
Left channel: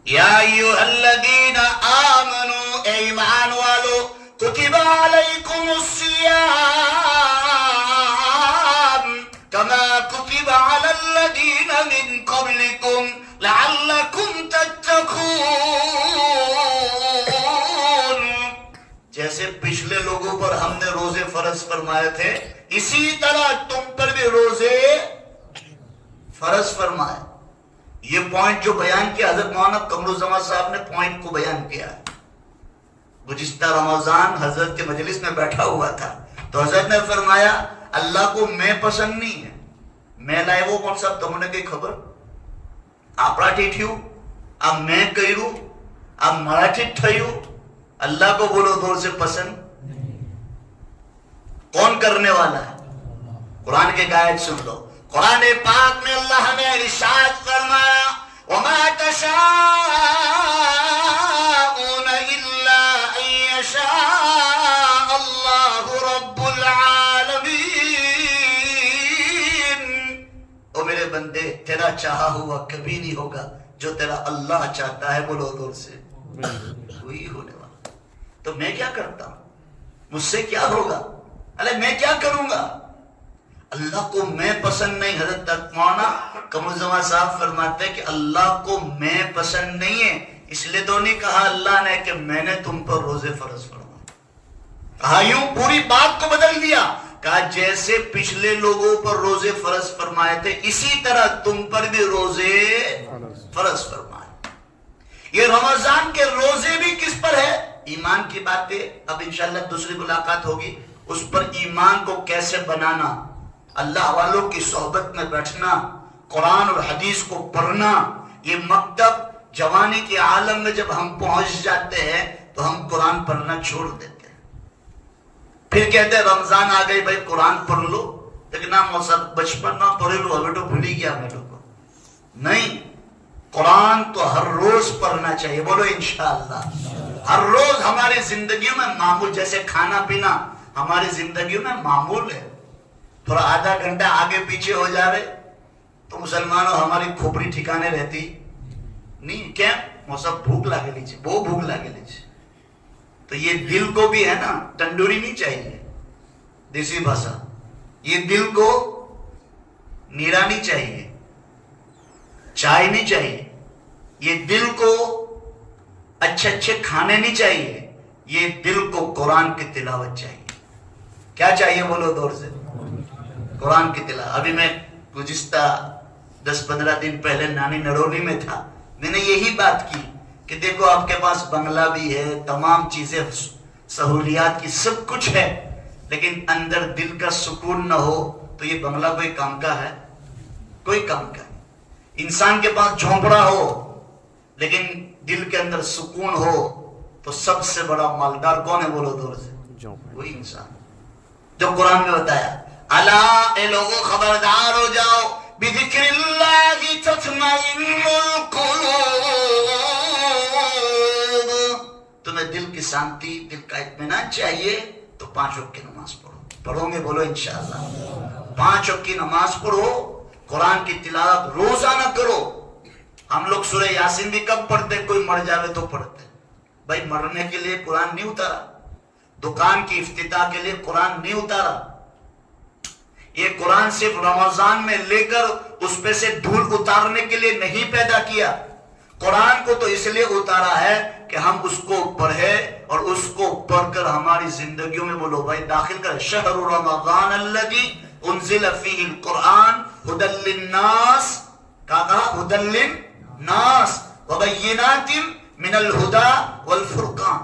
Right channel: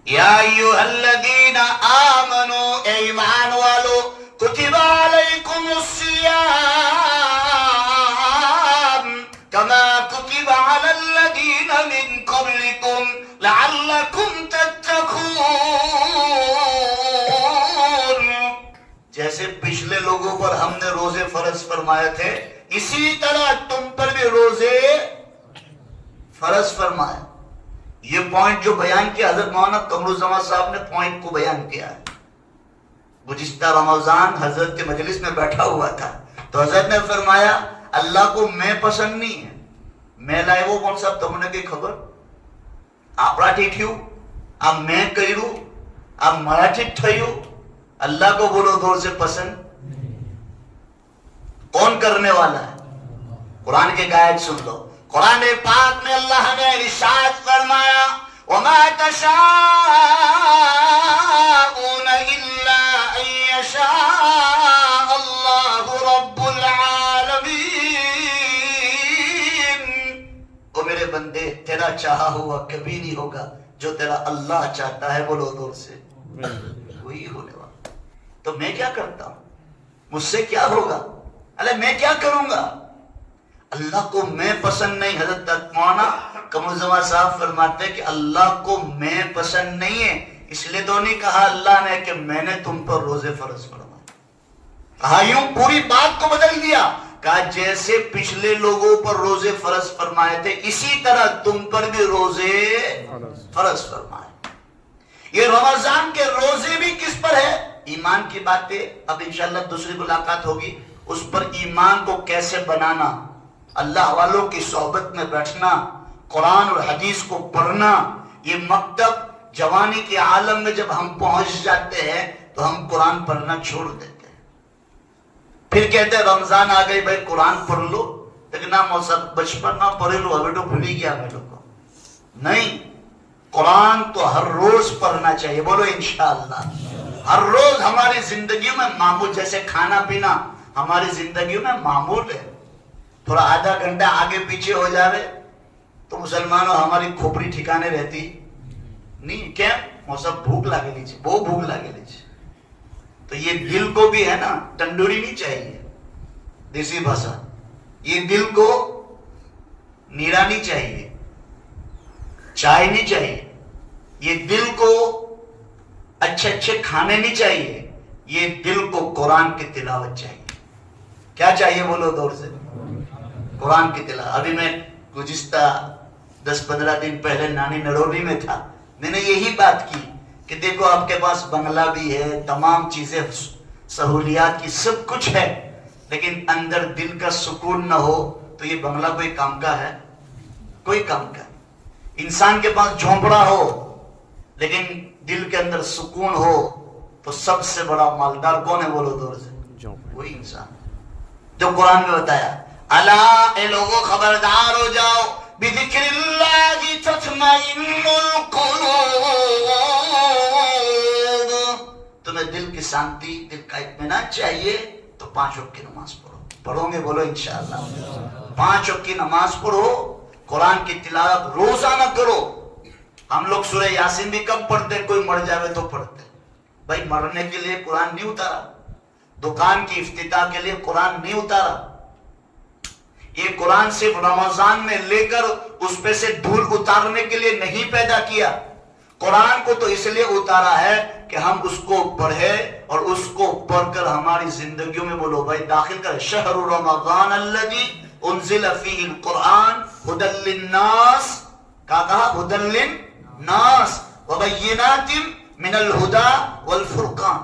یا ایھا الذین آمنوا اے ایمان والو کتب علیکم الصیام کما کتب علی الذین من قبلکم لعلکم تتقون، جیسے پچھلے لوگوں پر ہم نے روزے فرض فرمائے تھے اسی طرح تم پر بھی روزے فرض فرمائے۔ یہ پوائنٹ جو بیان کیا حضرت مولانا قمر الزمان صاحب نے پوائنٹ کو بیان کیا، گزشتہ رمضان حضرت کے مجلس میں بیٹھا ہوا تھا تو حضرت نے فرمایا اللہ کو میں پسند نہیں ہے، میں لائے وہ کون سا تم نے کی خبر، آپ راٹھی تھیو آپ میں کہیرو آپ مراٹھی تھیو، اللہ کو بولو دور سے پسند کون کرنے والا ہے، قرآن کے آیت سن لو، قرآن پاک میں اللہ نے ارشاد فرمایا وَمَا تَشَاءُونَ إِلَّا أَن يَشَاءَ اللَّهُ رب العالمین. او میرے بندے تیرا چاہا ہوا کبھی نہیں ہوگا جو تیرا اللہ چاہتا ہے. بولو دور سے وہی ہونے والا. تو میں کیا کرتا ہوں؟ مجھ سے کیا ہوگا؟ ارے میں کیا کروں گا؟ اللہ کو میں پسند نہیں. حضرت مولانا قمرزمان صاحب فرماتے ہیں کہ اللہ کو میں پسند نہیں ہے، اس لیے تو نہیں کہا اللہ نے کہ میں نے تم پر روزے فرض فرمائے. کہا یوں پوری بات کو بدل دیا. کہا جیسے پچھلے لوگوں پر روزے فرض فرمائے تھے اسی طرح تم پر بھی روزے فرض فرمائے. یہ رمضان کے روزے بھی کس پر ہے؟ ایمان کی باتیں اب انشاءاللہ دوسری ملاقات ہوگی. اس پر ایمان کو کیسے بنانا، اللہ والوں کی صحبت میں بیٹھنا، قرآن اور حدیث کو پڑھنا. یہ مکتب جوانی کے عالم میں جب ہم پہنچ جاتے ہیں تو ہم قرآن پڑھنا چھوڑ دیتے ہیں. پھر کہتے ہیں رمضان آ گئی بھائی قرآن پڑھ لو. لیکن بچپن نہ پڑھ لو ابھی تو بھولی گیا میرے کو. نہیں، قرآن تو ہر روز پڑھنا چاہیے. بولو انشاءاللہ. ہر روز ہماری زندگی میں معمول، جیسے کھانا پینا ہماری زندگی میں معمول ہے. تھوڑا آدھا گھنٹہ آگے پیچھے ہو جائے تو مسلمانوں ہماری کھوپڑی ٹھکانے رہتی نہیں. کیا وہ سب بھوک لگے لیجیے، وہ بھوک لگے لیجیے. تو یہ دل کو بھی ہے نا تندوری نہیں چاہیے، دیسی بھاشا. یہ دل کو نیڑا نہیں چاہیے، چائے نہیں چاہیے. یہ دل کو اچھے اچھے کھانے نہیں چاہیے. یہ دل کو قرآن کی تلاوت چاہیے. کیا چاہیے بولو دور سے؟ قرآن کی تلاوت. ابھی میں گزشتہ 10-15 دن پہلے نانی نڑولی میں تھا. میں نے یہی بات کی کہ دیکھو آپ کے پاس بنگلہ بھی ہے، تمام چیزیں سہولیات کی سب کچھ ہے، لیکن اندر دل کا سکون نہ ہو تو یہ بنگلہ کوئی کام کا ہے؟ کوئی کام کا. انسان کے پاس جھونپڑا ہو لیکن دل کے اندر سکون ہو تو سب سے بڑا مالدار کون ہے؟ بولو دور سے. وہی انسان جو قرآن میں بتایا الا اے لوگوں خبردار ہو جاؤ بذکر اللہ تطمئن القلوب. تمہیں دل کی شانتی، دل کا اطمینان چاہیے تو 5 وقت کی نماز پڑھو. پڑھو گے؟ بولو انشاءاللہ. 5 وقت کی نماز پڑھو، قرآن کی تلاوت روزانہ کرو. ہم لوگ سورہ یاسین بھی کب پڑھتے؟ کوئی مر جاوے تو پڑھتے. بھائی مرنے کے لیے قرآن نہیں اتارا، دکان کی افتتاح کے لیے قرآن نہیں اتارا. یہ قرآن صرف رمضان میں لے کر اس پہ سے دھول اتارنے کے لیے نہیں پیدا کیا. قرآن کو تو اس لیے اتارا ہے کہ ہم اس کو پڑھے اور اس کو پڑھ کر ہماری زندگیوں میں بولو بھائی داخل کرے. شہر رمضان الذی انزل فیہ القرآن ھدی للناس. کہا ھدی للناس وبینات من الہدی والفرقان.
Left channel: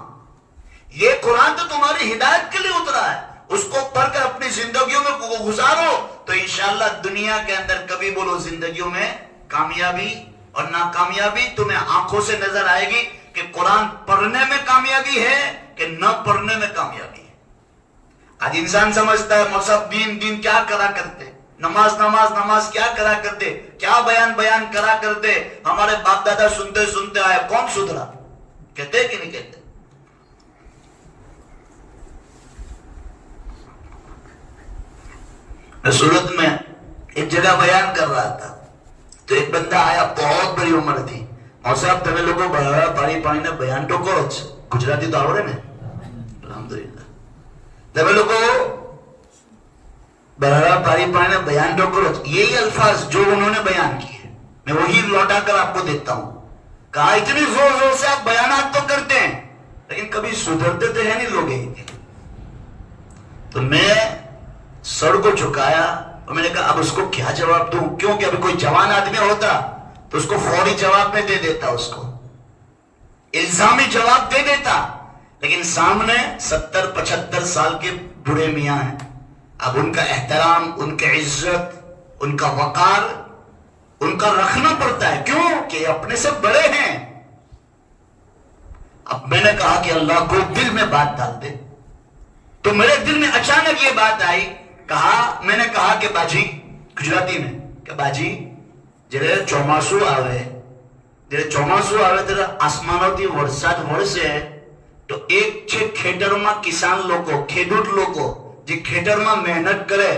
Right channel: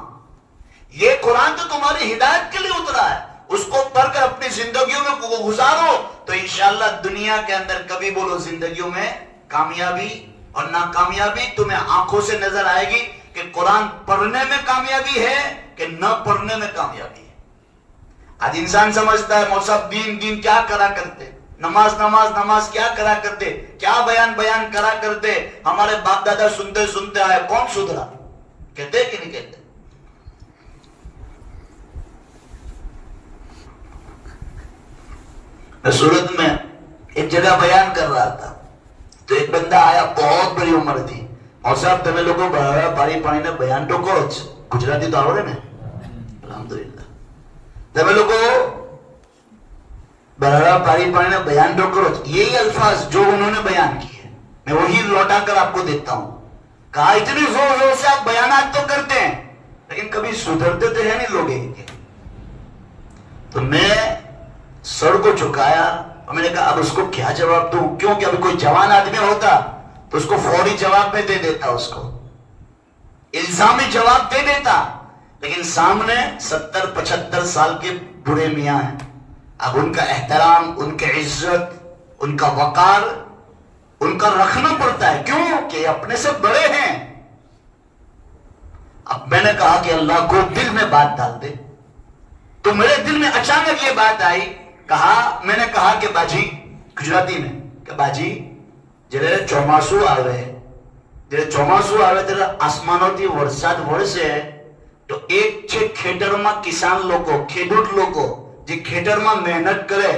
یہ قرآن تو تمہاری ہدایت کے لیے اترا ہے. اس کو پڑھ کر اپنی زندگیوں میں گزارو تو انشاءاللہ دنیا کے اندر کبھی بولو زندگیوں میں کامیابی اور ناکامیابی تمہیں آنکھوں سے نظر آئے گی کہ قرآن پڑھنے میں کامیابی ہے کہ نہ پڑھنے میں کامیابی ہے. آج انسان سمجھتا ہے موسیٰ دین کیا کرا کرتے، نماز کیا کرا کرتے، کیا بیان کرا کرتے. ہمارے باپ دادا سنتے آئے، کون سدھرا؟ کہتے کہ نہیں کہتے؟ میں سورت میں ایک جگہ بیان کر رہا تھا تو ایک بندہ آیا، بہت بڑی عمر تھی. اور صاحب تمہیں لوگوں بڑا پاری پانی نے بیان تو کرو. گجراتی تو آوڑے نے الحمدللہ. تمہیں لوگوں بڑا پاری پانی نے بیان تو کرو. یہی الفاظ جو انہوں نے بیان کیے میں وہی لوٹا کر آپ کو دیتا ہوں. کہا اتنی زور سے آپ بیانات تو کرتے ہیں لیکن کبھی سدھرتے تو ہے نہیں لوگ. تو میں سر کو جھکایا اور میں نے کہا اب اس کو کیا جواب دوں؟ کیونکہ ابھی کوئی جوان آدمی ہوتا تو اس کو فوری جواب میں دے دیتا، اس کو الزامی جواب دے دیتا. لیکن سامنے 70-75 سال کے بوڑھے میاں ہیں. اب ان کا احترام، ان کی عزت، ان کا وقار ان کا رکھنا پڑتا ہے. کیوں کہ اپنے سے بڑے ہیں. اب میں نے کہا کہ اللہ کو دل میں بات ڈال دے. تو میرے دل میں اچانک یہ بات آئی. میں نے کہا کہ باجی، گجراتی میں کہ باجی جڑے ચોમાસું આવે ત્યારે આસમાનોથી વરસાદ વરસે તો એક છે ખેતરમાં કિસાન લોકો, ખેડૂત લોકો જે ખેતરમાં મહેનત કરે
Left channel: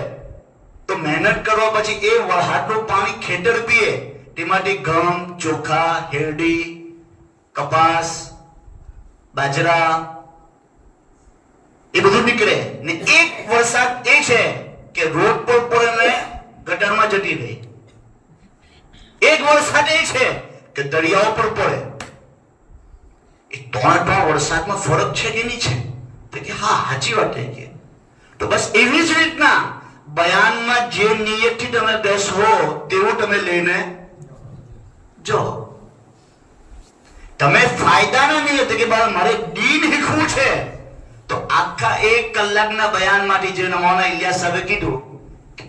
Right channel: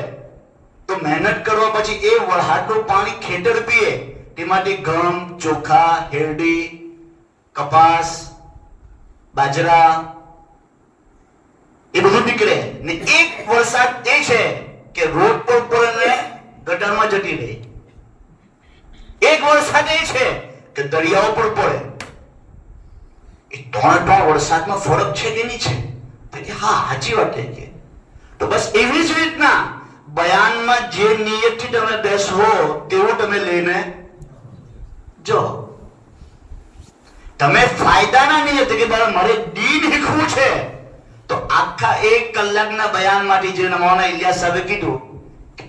તો મહેનત કરવા પછી એ વરસાદનું પાણી ખેતર પીએ, તેમાંથી ઘઉં, ચોખા, હેરડી, કપાસ, બાજરા એ બધું નીકળે. ને એક વરસાદ એ છે કે રોડ પર પડે ને ગટરમાં જતી રહે. એક વરસાદ એ છે કે દરિયાઓ પર પડે. એ ત્રણ વરસાદમાં ફરક છે કે નહીં છે? તો કે હા, સાચી વાત છે. તો બસ એવી જ રીતના બયાનમાં જે નિયતથી તમે બેસવો તેવું તમે લઈને જો. તમે ફાયદાના નિયત કે મારે દીન શીખવું છે તો આખા 1 કલાકના બયાનમાંથી જે મૌલાના ઇલિયાસ સાહેબે કીધું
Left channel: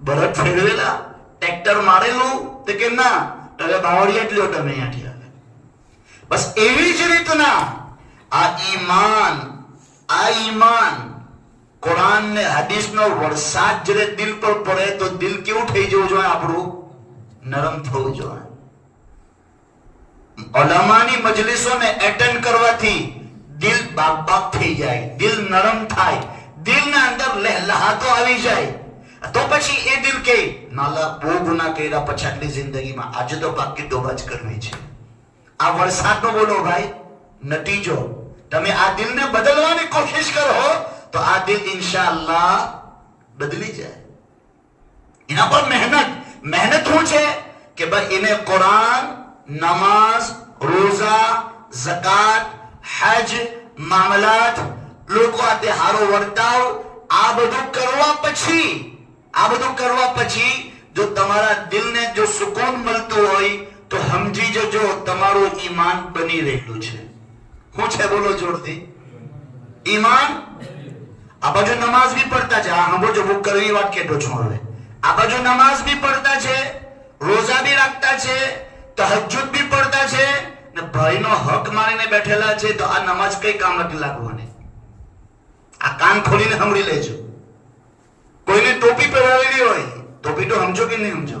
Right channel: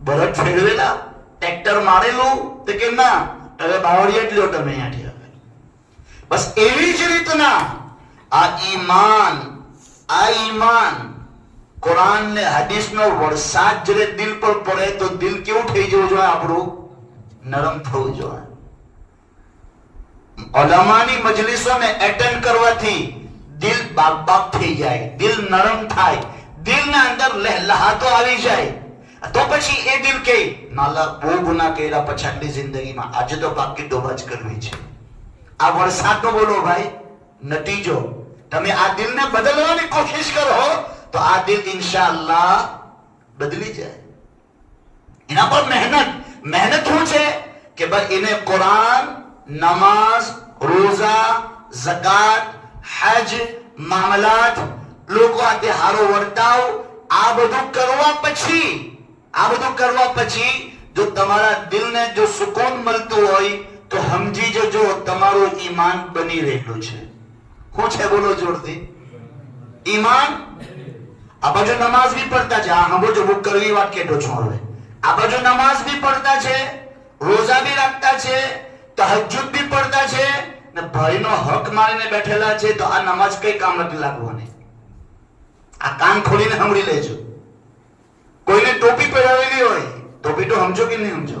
બળદ ફેરવેલા, ટ્રેક્ટર મારેલું તો કે ના તમે બાવળિયા જ લ્યો તમે અહીંયાથી. બસ એવી જ રીતના આ ઈમાન કુરાન ને હદીસનો વરસાદ જ્યારે દિલ પર પડે તો દિલ કેવું થઈ જવું જોઈએ? આપણું નરમ થવું જોઈએ. ઉલમાની મજલિસોને એટેન્ડ કરવાથી દિલ બાગ થઈ જાય, દિલ નરમ થાય, દિલના અંદર લહેલાતો આવી જાય. તો પછી એ દિલ કે માલા બહુ ગુના કર્યા પછી આટલી જિંદગીમાં, આજે તો બાકી તોબા જ કરવી છે. આ વરસાદનો બોલો ભાઈ નતીજો. તમે આ દિલને બદલવાની કોશિશ કરો તો આ દિલ ઇન્શાઅલ્લાહ બદલી જાય. એના પર મહેનત શું છે કે ભાઈ એને કુરાન, નમાઝ, રોઝા, ઝકાત, હજ, મામલાત, લોકો આતે હારો વર્તાવ, આ બધું કરવા પછી જો તમારા દિલને જો સુકૂન મળતું હોય તો સમજી જજો તમારું ઈમાન બની રહેલું છે. શું છે બોલો જોરથી? ઈમાન. આ બાજુ નમાઝ બી પડતા છે, હા જો બુક કરવી વાત કેતો છું હવે. આ બાજુ નમાઝ બી પડતા છે, રોઝા બી રાખતા છે, તહજ્જુદ બી પડતા છે, ને ભાઈનો હક મારીને બેઠેલા છે. તો આ નમાઝ કઈ કામ નથી લાગવાની. આ કાન ખોલીને સાંભળી લેજો. કોઈને ટોપી પહેરાવેલી હોય, ટોપી તો સમજો કે નહીં સમજો?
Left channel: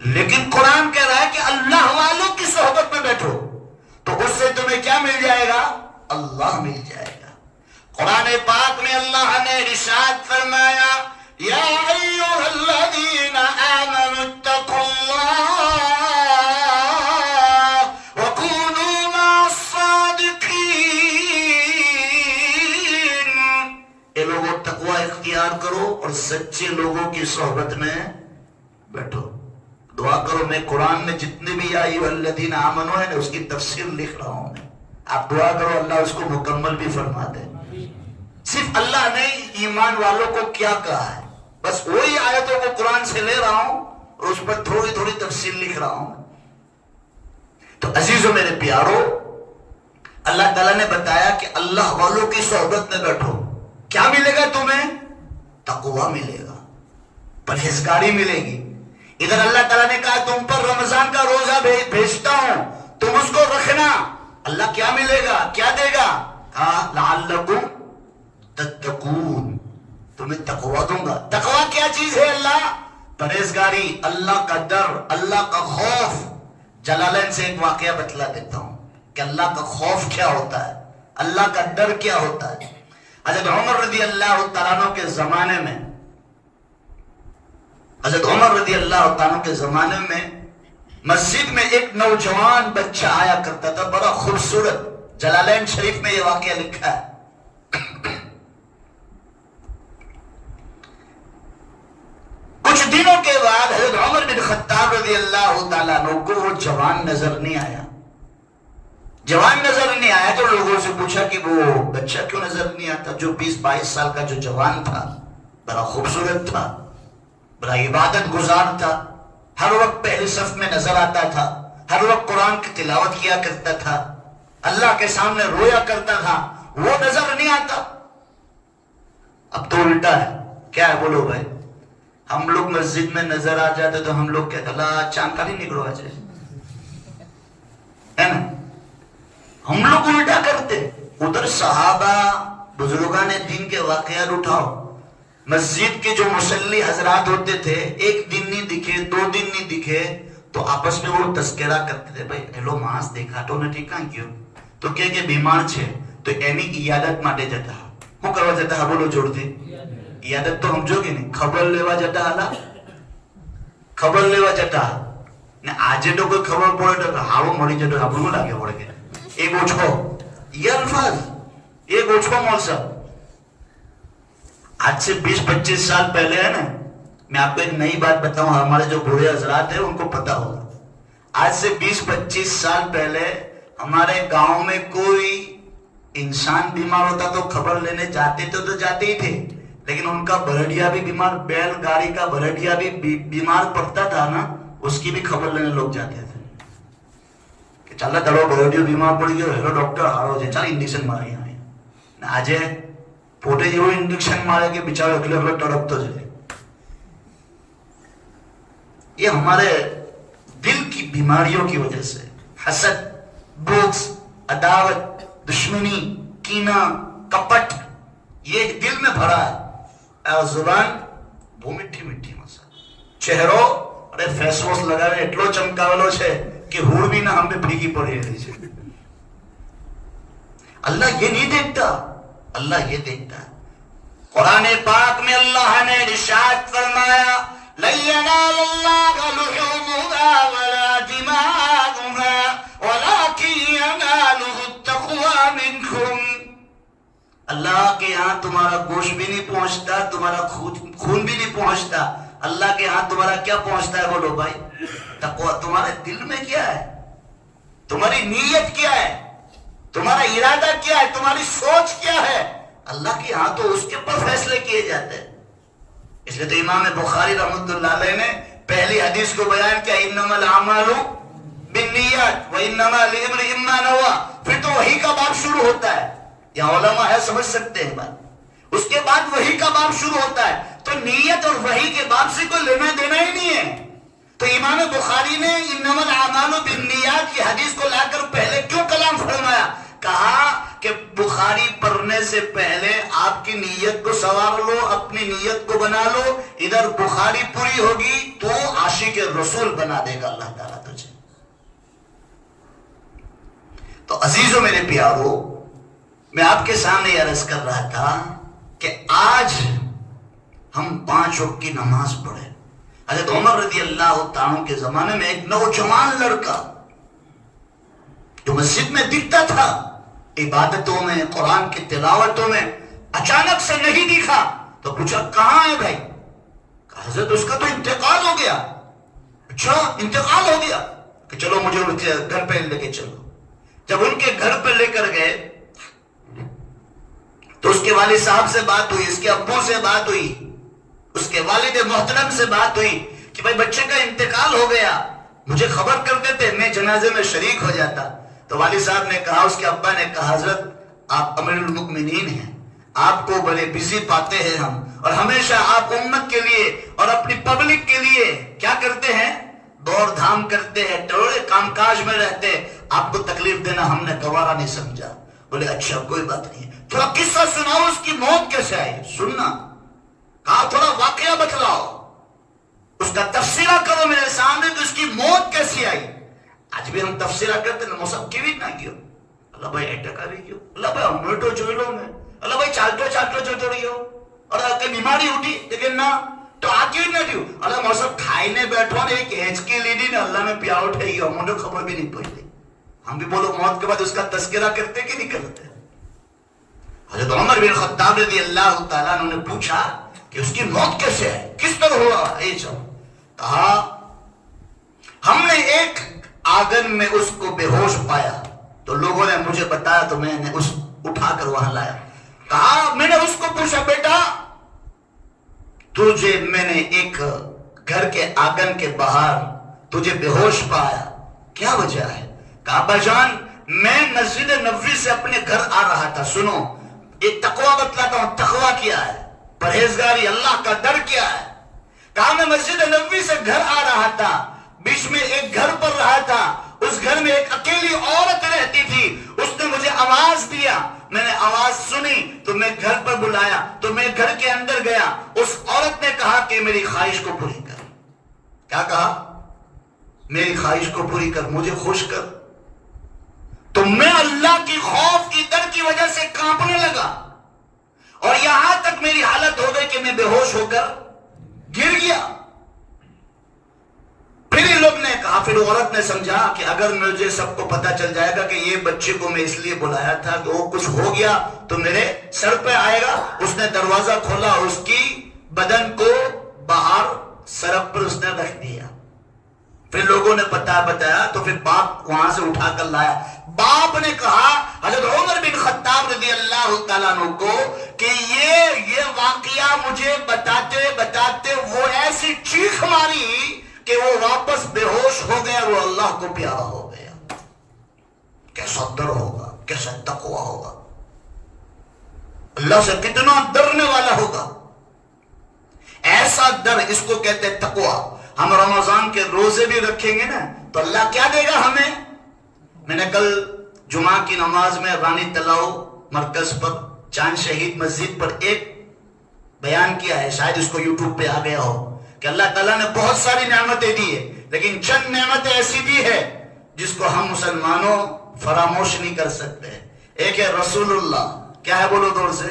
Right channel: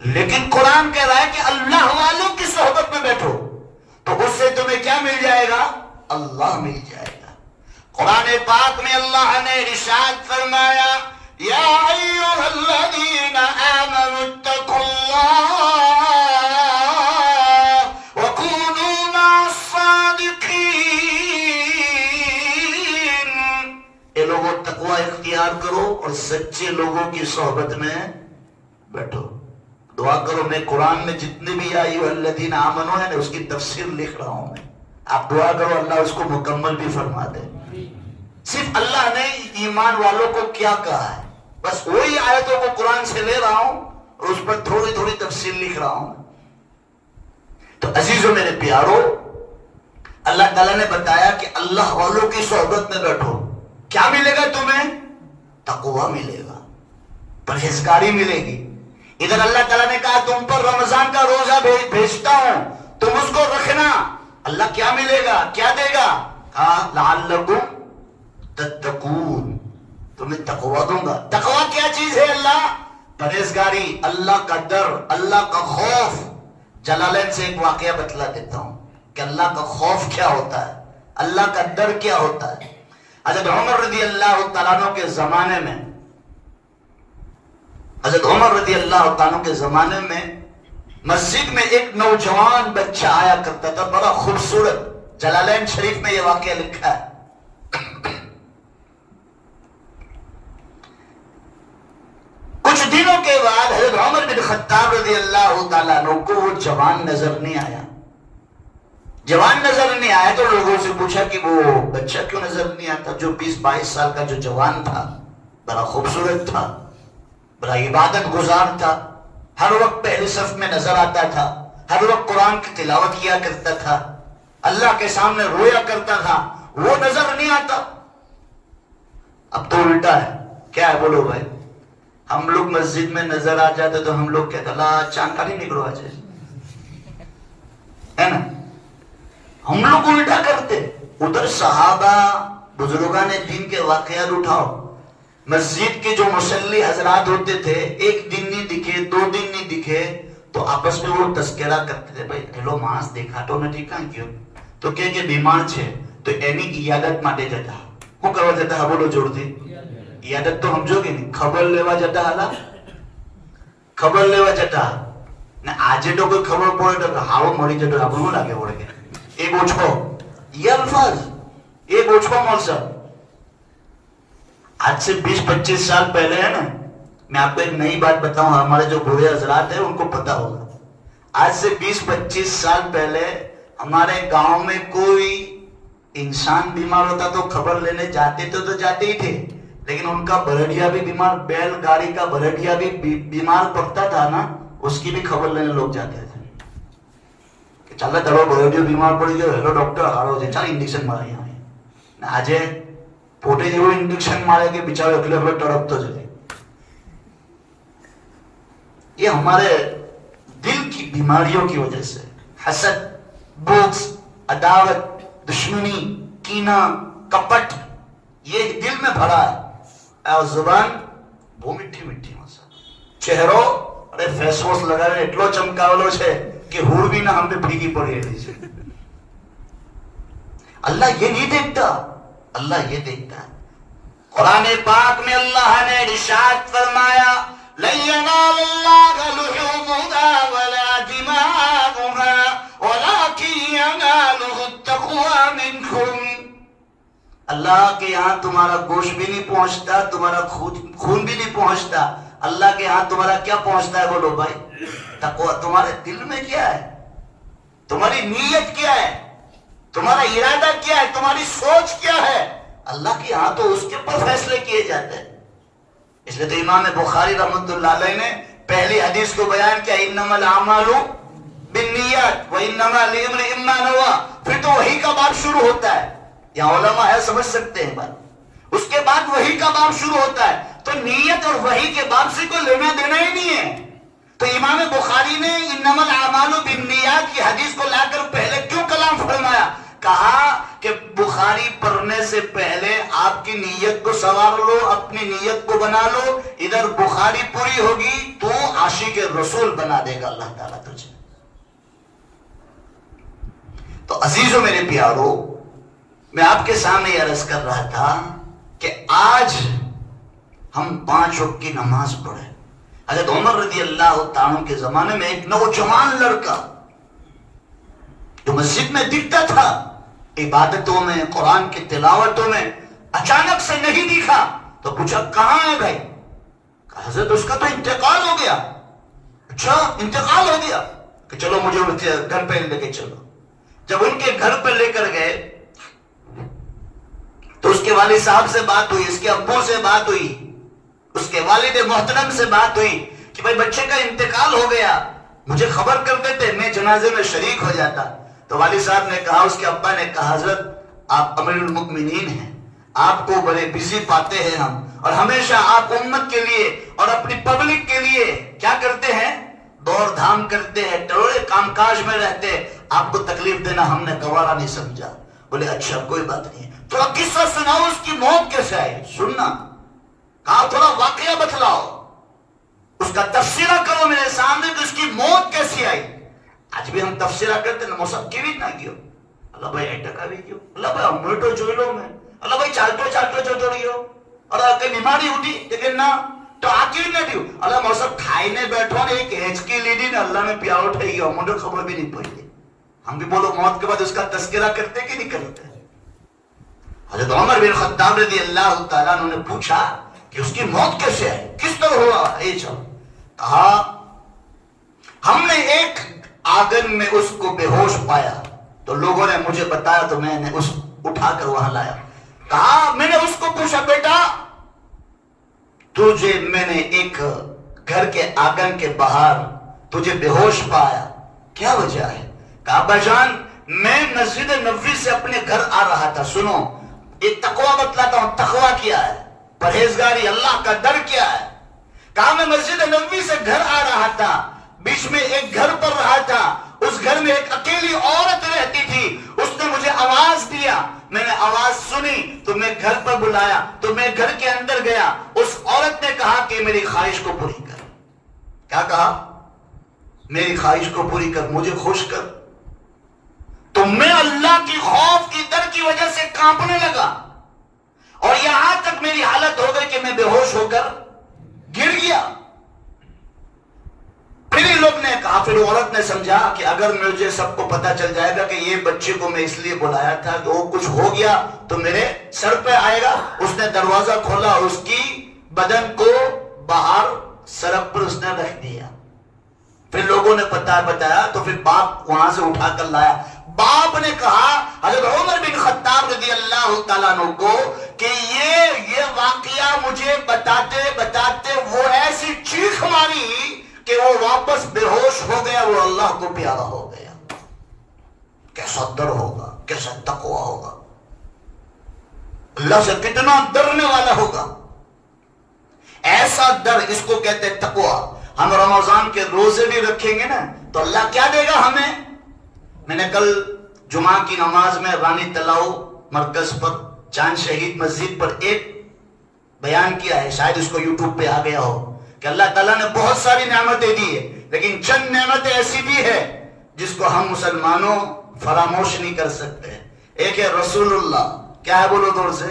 لیکن قرآن کہہ رہا ہے کہ اللہ والوں کی صحبت میں بیٹھو تو اس سے تمہیں کیا مل جائے گا؟ اللہ مل جائے گا۔ قرآن پاک میں اللہ نے ارشاد فرمایا یا ایھا الذین آمنوا اتقوا اللہ وکونوا مع الصادقین۔ اے لوگوں تقوی اختیار کرو اور سچے لوگوں کی صحبت میں بیٹھو۔ دعا کرو، میں قرآن میں جتنے بھی یا ایھا الذین آمنوا ہے اس کی تفسیر لکھ رہا ہوں میں، آپ دعا کرو اللہ اس کو مکمل بھی فرما دے۔ صرف اللہ نے ایمان والوں کو کیا کہا ہے، بس وہی آیتوں کو قرآن سے لے رہا ہوں اور اس پر تھوڑی تھوڑی تفصیل لکھ رہا ہوں۔ تو عزیزوں میرے پیارو، اللہ تعالیٰ نے بتایا کہ اللہ والوں کی صحبت میں بیٹھو، کیا ملے گا تمہیں؟ تقوی ملے گا، پرہیزگاری ملے گی۔ ادھر اللہ تعالیٰ نے کہا تم پر رمضان کا روزہ بھیجتا ہوں، تم اس کو رکھنا۔ اللہ کیا ملے گا، کیا دے گا؟ کہا لعلکم تتقون، تمہیں تقوی دوں گا۔ تقوی کیا چیز ہے؟ اللہ پرہیزگاری، اللہ کا ڈر، اللہ کا خوف۔ جلالین سے ایک واقعہ بتلا دیتا ہوں کہ اللہ کا خوف کیا ہوتا ہے، اللہ کا ڈر کیا ہوتا ہے۔ حضرت عمر رضی اللہ تعالیٰ عنہ کے زمانے میں، حضرت عمر رضی اللہ تعالیٰ کے زمانے میں مسجد میں ایک نوجوان بچہ آیا کرتا تھا، بڑا خوبصورت۔ جلالین شریف میں یہ واقعہ لکھا ہے۔ کچھ دنوں کے بعد حضرت عمر بن خطاب رضی اللہ تعالیٰ عنہ کو وہ جوان نظر نہیں آیا۔ جوان نظر نہیں آیا تو لوگوں سے پوچھا کہ وہ بچہ کیوں نظر نہیں آتا؟ جو 20-22 سال کا جو جوان تھا، بڑا خوبصورت تھا، بڑا عبادت گزار تھا، ہر وقت پہلے صف میں نظر آتا تھا، ہر وقت قرآن کی تلاوت کیا کرتا تھا، اللہ کے سامنے رویا کرتا تھا، وہ نظر نہیں آتا۔ اب تو الٹا ہے، کیا ہے بولو بھائی؟ ہم لوگ مسجد میں نظر آ جاتے تو ہم لوگ کہتے اللہ چاند کا نہیں نکلو آج، ہے نا؟ ہم لوگ الٹا کرتے۔ ادھر صحابہ بزرگان دین کے واقعات اٹھاؤ، مسجد کے جو مصلی حضرات ہوتے تھے، ایک دن نہیں دکھے، 2 دن نہیں دکھے تو آپس میں وہ تذکرہ کرتے تھے، بھائی ہیلو ماس دیکھا تو نہ ٹھیک کیوں تو کہ بیمار چھے تو اینی عیادت ماٹے جاتا ہوں کروا جاتا ہے، بولو جوڑ دے عیادت تو ہم جو کہ نہیں خبر لیوا جاتا ہے، خبر لیوا جاتا ہے آجے تو کوئی خبر پڑے تو ہاڑو مڑی جاتا ہے، بلو لاگے پڑے گئے ایک اوچھو، یہ الفاظ ایک اوچھو مول صاحب۔ آج سے 20-25 سال پہلے ہے نا، میں آپ کو ایک نئی بات بتاؤں، ہمارے جو بوڑھے حضرات ہیں ان کو پتا ہوگا، آج سے 20-25 سال پہلے ہمارے گاؤں میں کوئی انسان بیمار ہوتا تو خبر لینے جاتے تو جاتے ہی تھے، لیکن ان کا بھرڈیا بھی بیمار، بیل گاڑی کا بھرڈیا بھی بیمار پڑتا تھا نا، اس کی بھی خبر لینے لوگ جاتے تھے کہ چل کرو بھرڈیا بیمار پڑ گیا، ہیلو ڈاکٹر ہارو جی چل انجیکشن مارے یہاں آج پوٹے جو انجیکشن مارے کے بیچارے اگلے پر تڑپ تو جائے۔ یہ ہمارے دل کی بیماریوں کی وجہ سے، حسد، بغض، عداوت، دشمنی، کینہ، کپٹ، یہ دل میں بھرا ہے، اور زبان وہ مٹھی مٹھی مسا چہرو ارے فیس واش لگا رہے اٹلو چمکاولو چھے کہ ہوڑ بھی نہ ہم پہ پھیگی پڑی ہے۔ اللہ یہ نہیں دیکھتا، اللہ یہ دیکھتا ہے۔ قرآن پاک میں اللہ نے ارشاد فرمایا لَن يَنَالَ اللَّهَ لُحُومُهَا وَلَا دِمَاؤُهَا وَلَكِن يَنَالُهُ التَّقْوَىٰ مِنكُمْ۔ اللہ کے یہاں تمہارا گوشت بھی نہیں پہنچتا، تمہارا خون بھی نہیں پہنچتا، اللہ کے یہاں تمہارا کیا پہنچتا ہے؟ بولو بھائی تقویٰ۔ تمہارے دل میں کیا ہے، تمہاری نیت کیا ہے، تمہارا ارادہ کیا ہے، تمہاری سوچ کیا ہے، اللہ کے ہاں تو اس کے اوپر فیصلے کیے جاتے ہیں۔ اس لیے تو امام بخاری رحمۃ اللہ علیہ نے پہلی حدیث کو بیان کیا انما الاعمال بالنیات وانما لامرئ ما نوى، پھر تو وحی کا باب شروع ہوتا ہے، یہاں علماء ہے سمجھ سکتے ہیں بات، اس کے بعد وحی کا باب شروع ہوتا ہے، تو نیت اور وحی کے باب سے کوئی لینا دینا ہی نہیں ہے۔ تو امام بخاری نے انما الاعمال بالنیات کی حدیث کو لا کر پہلے کیوں کلام فرمایا؟ کہا کہ بخاری پڑھنے سے پہلے آپ آپ کی نیت کو سنوار لو, اپنی نیت کو بنا لو, ادھر بخاری پوری ہوگی تو عاشق رسول بنا دے گا اللہ تعالیٰ تجھے. تو عزیزوں میرے پیارو, میں آپ کے سامنے یہ عرض کر رہا تھا کہ آج ہم 5 وقت کی نماز پڑھے. حضرت عمر رضی اللہ تعالیٰ کے زمانے میں ایک نوجوان لڑکا جو مسجد میں دکھتا تھا, عبادتوں میں, قرآن کی تلاوتوں میں, اچانک سے نہیں دکھا تو پوچھا کہاں ہے بھائی؟ کہا حضرت اس کا تو انتقال ہو گیا. اچھا انتقال ہو گیا, کہ چلو مجھے گھر پہ لے کے چلو. جب ان کے گھر پہ لے کر گئے تو اس کے والد صاحب سے بات ہوئی, اس کے ابو سے بات ہوئی, اس کے والد محترم سے بات ہوئی کہ بھائی بچے کا انتقال ہو گیا, مجھے خبر کر دیتے, میں جنازے میں شریک ہو جاتا. تو والد صاحب نے کہا, اس کے ابا نے کہا حضرت آپ امیر المؤمنین ہیں, آپ کو بڑے بزی پاتے ہیں ہم, اور ہمیشہ آپ امت کے لیے اور اپنی پبلک کے لیے کیا کرتے ہیں, دور دھام کرتے ہیں, ٹوڑے کام کاج میں رہتے ہیں, آپ کو تکلیف دینا ہم نے گوارا نہیں سمجھا. بولے اچھا کوئی بات نہیں, تھوڑا قصہ سناؤ اس کی موت کیسے آئی. سننا, کہا تھوڑا واقعہ بتلاؤ, اس کا تفسیرہ کرو میرے سامنے تو اس کی موت کیسی آئی. آج بھی ہم تفسیرہ کرتے ہیں, موسم کی بھی نہ کیوں, اللہ بھائی ایٹکا بھی کیوں, اللہ بھائی ہمیٹو جوئلو میں, اللہ بھائی چالٹو جو رہی ہو, اور کہ بیماری اٹھی لیکن نہ تو آکی نہ دیو, اللہ موسم کھائینے بیٹھو نے ایک ہیچکی لی دی نا, اللہ میں پیار اٹھے گی, مجھے خبر بھی نہیں پڑی. ہم بھی بولو موت کے بعد اس کا تذکرہ کرتے کہ نہیں کرتے. حضرت عمر بن خطاب رضی اللہ تعالیٰ نے پوچھا کہ اس کی موت کیسے ہے, کس طرح ہو رہا ہے. کہا ہم نے ایک آنگن میں اس کو بے ہوش پایا, تو لوگوں نے مجھے بتایا تو میں نے اس اٹھا کر وہاں لایا. کہا میں نے اس کو پوچھا بیٹا تجھے میں نے ایک گھر کے آنگن کے باہر تجھے بے ہوش پایا, کیا وجہ ہے؟ کہا بجان میں مسجد نبوی سے اپنے گھر آ رہا تھا. سنو ایک تقوی بتلاتا ہوں, تقوی کیا ہے, پرہیزگاری, اللہ کا ڈر کیا ہے. کہا میں مسجد نبوی سے گھر آ رہا تھا, بیچ میں ایک گھر پر رہا تھا, اس گھر میں ایک اکیلی عورت رہتی تھی, اس نے مجھے آواز دیا, میں نے آواز سنی تو میں گھر پر بلایا, تو میں گھر کے اندر گیا, اس عورت نے کہا کہ میری خواہش کو پوری کر. کیا کہا؟ میری خواہش کو پوری کر, مجھے خوش کر. تو میں اللہ کی خوف کی ڈر کی وجہ سے کانپنے لگا, اور یہاں تک میری حالت ہو گئی کہ میں بے ہوش ہو کر گر گیا. پھر ان لوگ نے کہا, پھر عورت نے سمجھا کہ اگر مجھے سب کو پتا چل جائے گا کہ یہ بچے کو میں اس لیے بلایا تھا کہ وہ کچھ ہو گیا تو میرے سر پہ آئے گا. اس نے دروازہ کھولا, اس کی بدن کو باہر سڑک پر اس نے رکھ دیا. پھر لوگوں نے پتا بتایا تو پھر باپ وہاں سے اٹھا کر لایا. باپ نے کہا حضرت عمر بن خطاب رضی اللہ تعالیٰ عنہ کو کہ یہ واقعہ مجھے بتاتے بتاتے وہ ایسی چیخ ماری کہ وہ واپس بے ہوش ہو گیا, وہ اللہ کو پیارا ہو گیا. کیسا ڈر ہوگا, کیسا تقوی ہوگا, اللہ سے کتنا ڈرنے والا ہوگا. ایسا ڈر, اس کو کہتے ہیں تقوی. ہم رمضان کے روزے بھی رکھیں گے نا تو اللہ کیا دے گا ہمیں. میں نے کل جمعہ کی نماز میں رانی تلاؤ مرکز پر چاند شہید مسجد پر ایک بیان کیا ہے, شاید اس کو یوٹیوب پہ آ گیا ہو, کہ اللہ تعالیٰ نے بہت ساری نعمتیں دی ہے, لیکن چند نعمتیں ایسی بھی ہے جس کو ہم مسلمانوں فراموش نہیں کر سکتے. ایک ہے رسول اللہ, کیا ہے بولو دور سے,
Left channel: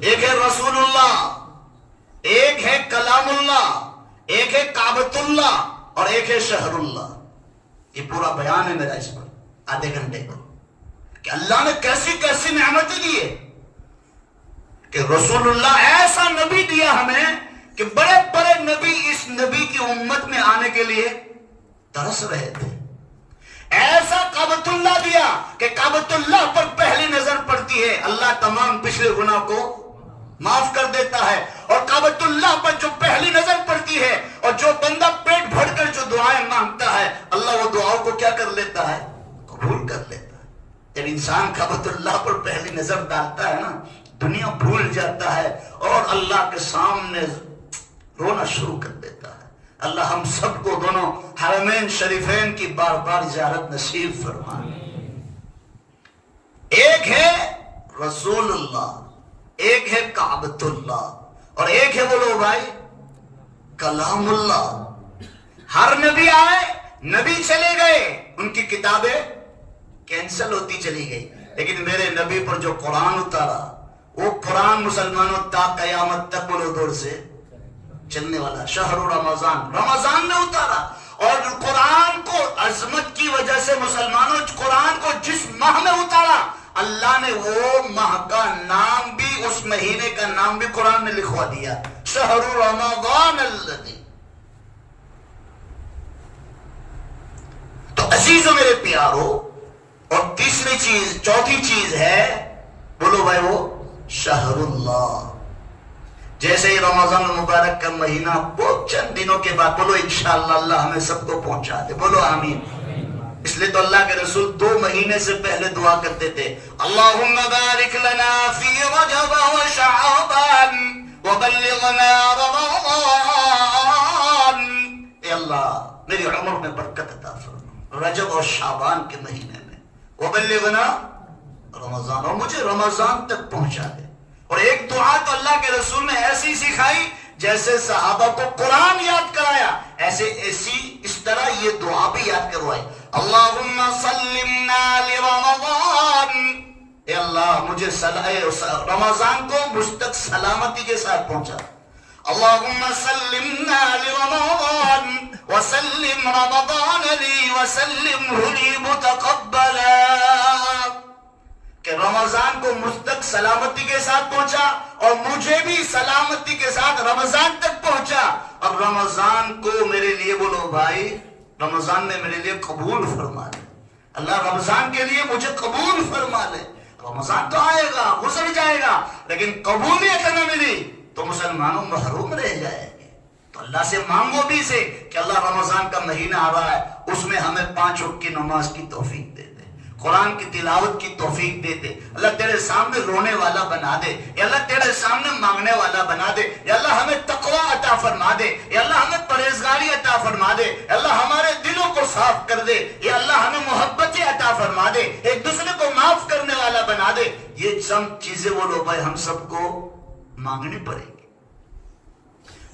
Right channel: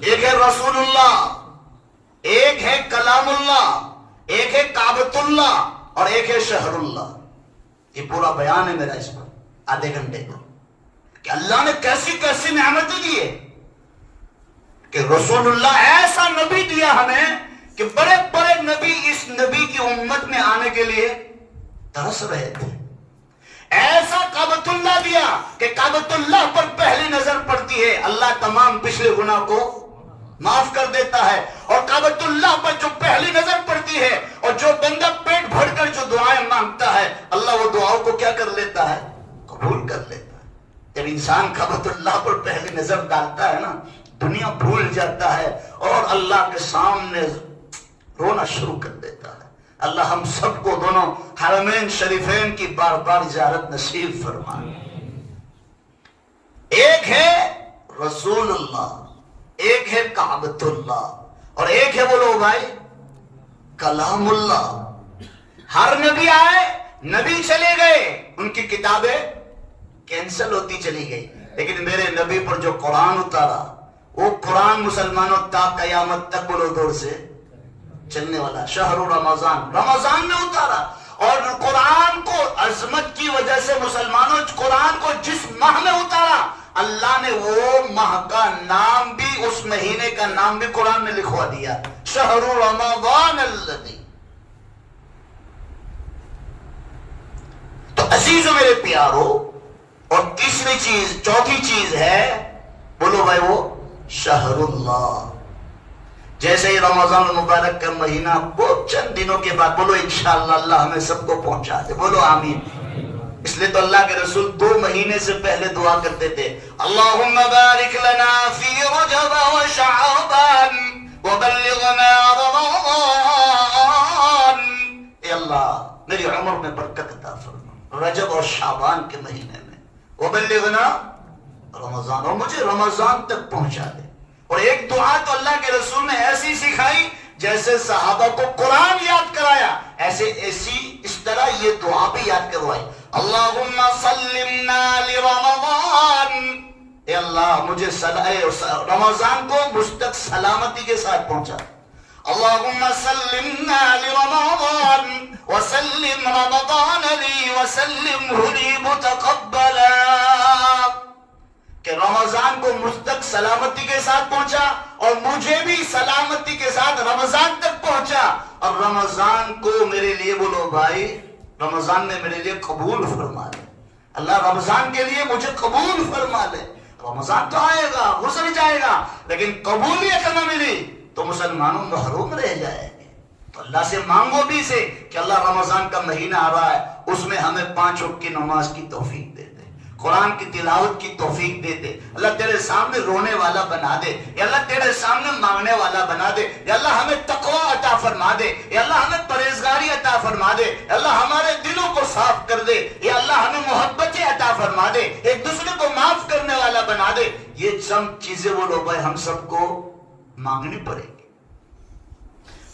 ایک ہے رسول اللہ, ایک ہے کلام اللہ, ایک ہے کعبۃ اللہ, اور ایک ہے شہر اللہ. یہ پورا بیان ہے میرا اس پر آدھے گھنٹے کا, کہ اللہ نے کیسی کیسی نعمتیں دی ہے, کہ رسول اللہ ایسا نبی دیا ہمیں کہ بڑے بڑے نبی اس نبی کی امت میں آنے کے لیے ترس رہے تھے. ایسا کعبۃ اللہ دیا کہ کعبۃ اللہ پر پہلی نظر پڑتی ہے اللہ تمام پچھلے گناہ کو معاف کر دیتا ہے, اور کعبۃ اللہ پر جو پہلی نظر پڑتی ہے اور جو بندہ پیٹ بھر کر جو دعائیں مانگتا ہے اللہ وہ دعاؤں کو کیا کر لیتا ہے, قبول کر لیتا ہے. جب انسان کعبۃ اللہ پر پہلی نظر ڈالتا ہے نا, دنیا بھول جاتا ہے اور اللہ کے سامنے رونا شروع کر دیتا ہے. اللہ ہم سب کو دونوں حرمین شریفین کی بار بار زیارت نصیب فرمائے. ایک ہے رسول اللہ, ایک ہے کعبۃ اللہ اور ایک ہے بولو بھائی کلام اللہ. ہر نبی آئے نبی چلے گئے ان کی کتابیں کینسل ہوتی چلی گئی، لیکن میرے نبی پر جو قرآن اتارا وہ قرآن مسلمانوں تا قیامت تک بولو دور سے چلنے والا. شہر رمضان، رمضان میں اتارا. اور قرآن کو عظمت کی وجہ سے مسلمانوں قرآن کو جس ماہ میں اتارا اللہ نے وہ ماہ کا نام بھی اس مہینے کا نام بھی قرآن میں لکھوا دیا، شہر رمضان الذی. تو عزیزو میرے پیارو، اور تیسری چیز چوتھی چیز ہے بولو بھائی وہ شہر اللہ. جیسے ہی رمضان المبارک کا مہینہ بہت چند دنوں کے بعد بولو انشاءاللہ اللہ ہمیں سب کو پہنچا دے، بولو آمین. اس لیے تو اللہ کے رسول 2 مہینے سے پہلے دعا کرتے تھے، اللہم بارک لنا فی رجب و شعبان وبلغنا رمضان. اے اللہ میری عمر میں برکت عطا فرما رجب اور شعبان کے مہینے میں، وبلغنا رمضان، اور مجھے رمضان تک پہنچا دے. اور ایک دعا تو اللہ کے رسول نے ایسی سکھائی جیسے صحابہ کو قرآن یاد کرایا ایسے اس طرح یہ دعا بھی یاد کروائی، اللہم سلمنا لرمضان. اے اللہ مجھے رمضان کو مجھ تک سلامتی کے ساتھ پہنچا. اللہم سلمنا لرمضان وسلم رمضان لی وسلمہ لی متقبلا. کہ رمضان کو مجھ تک سلامتی کے ساتھ پہنچا اور مجھے بھی سلامتی کے ساتھ رمضان تک پہنچا. اور رمضان کو میرے لیے بولو بھائی رمضان میں میرے لیے قبول فرما لے. اللہ رمضان کے لیے مجھے قبول فرما لے. رمضان تو آئے گا گزر جائے گا لیکن قبولیت نہ ملی تو مسلمانوں محروم رہ جائے گے. تو اللہ سے مانگو بھی سے کہ اللہ رمضان کا مہینہ آ رہا ہے اس میں ہمیں 5 وقت کی نماز کی توفیق دے دے، قرآن کی تلاوت کی توفیق دے دے. اللہ تیرے سامنے رونے والا بنا دے، یا اللہ تیرے سامنے مانگنے والا بنا دے، یا اللہ ہمیں تقوی عطا فرما دے، یا اللہ ہمیں پرہیزگاری عطا فرما دے، یا اللہ ہمارے دلوں کو صاف کر دے، یا اللہ ہمیں محبتیں عطا فرما دے، ایک دوسرے کو معاف کرنے والا بنا دے. یہ چند چیزیں بولو بھائی ہم سب کو مانگنی پڑے گی.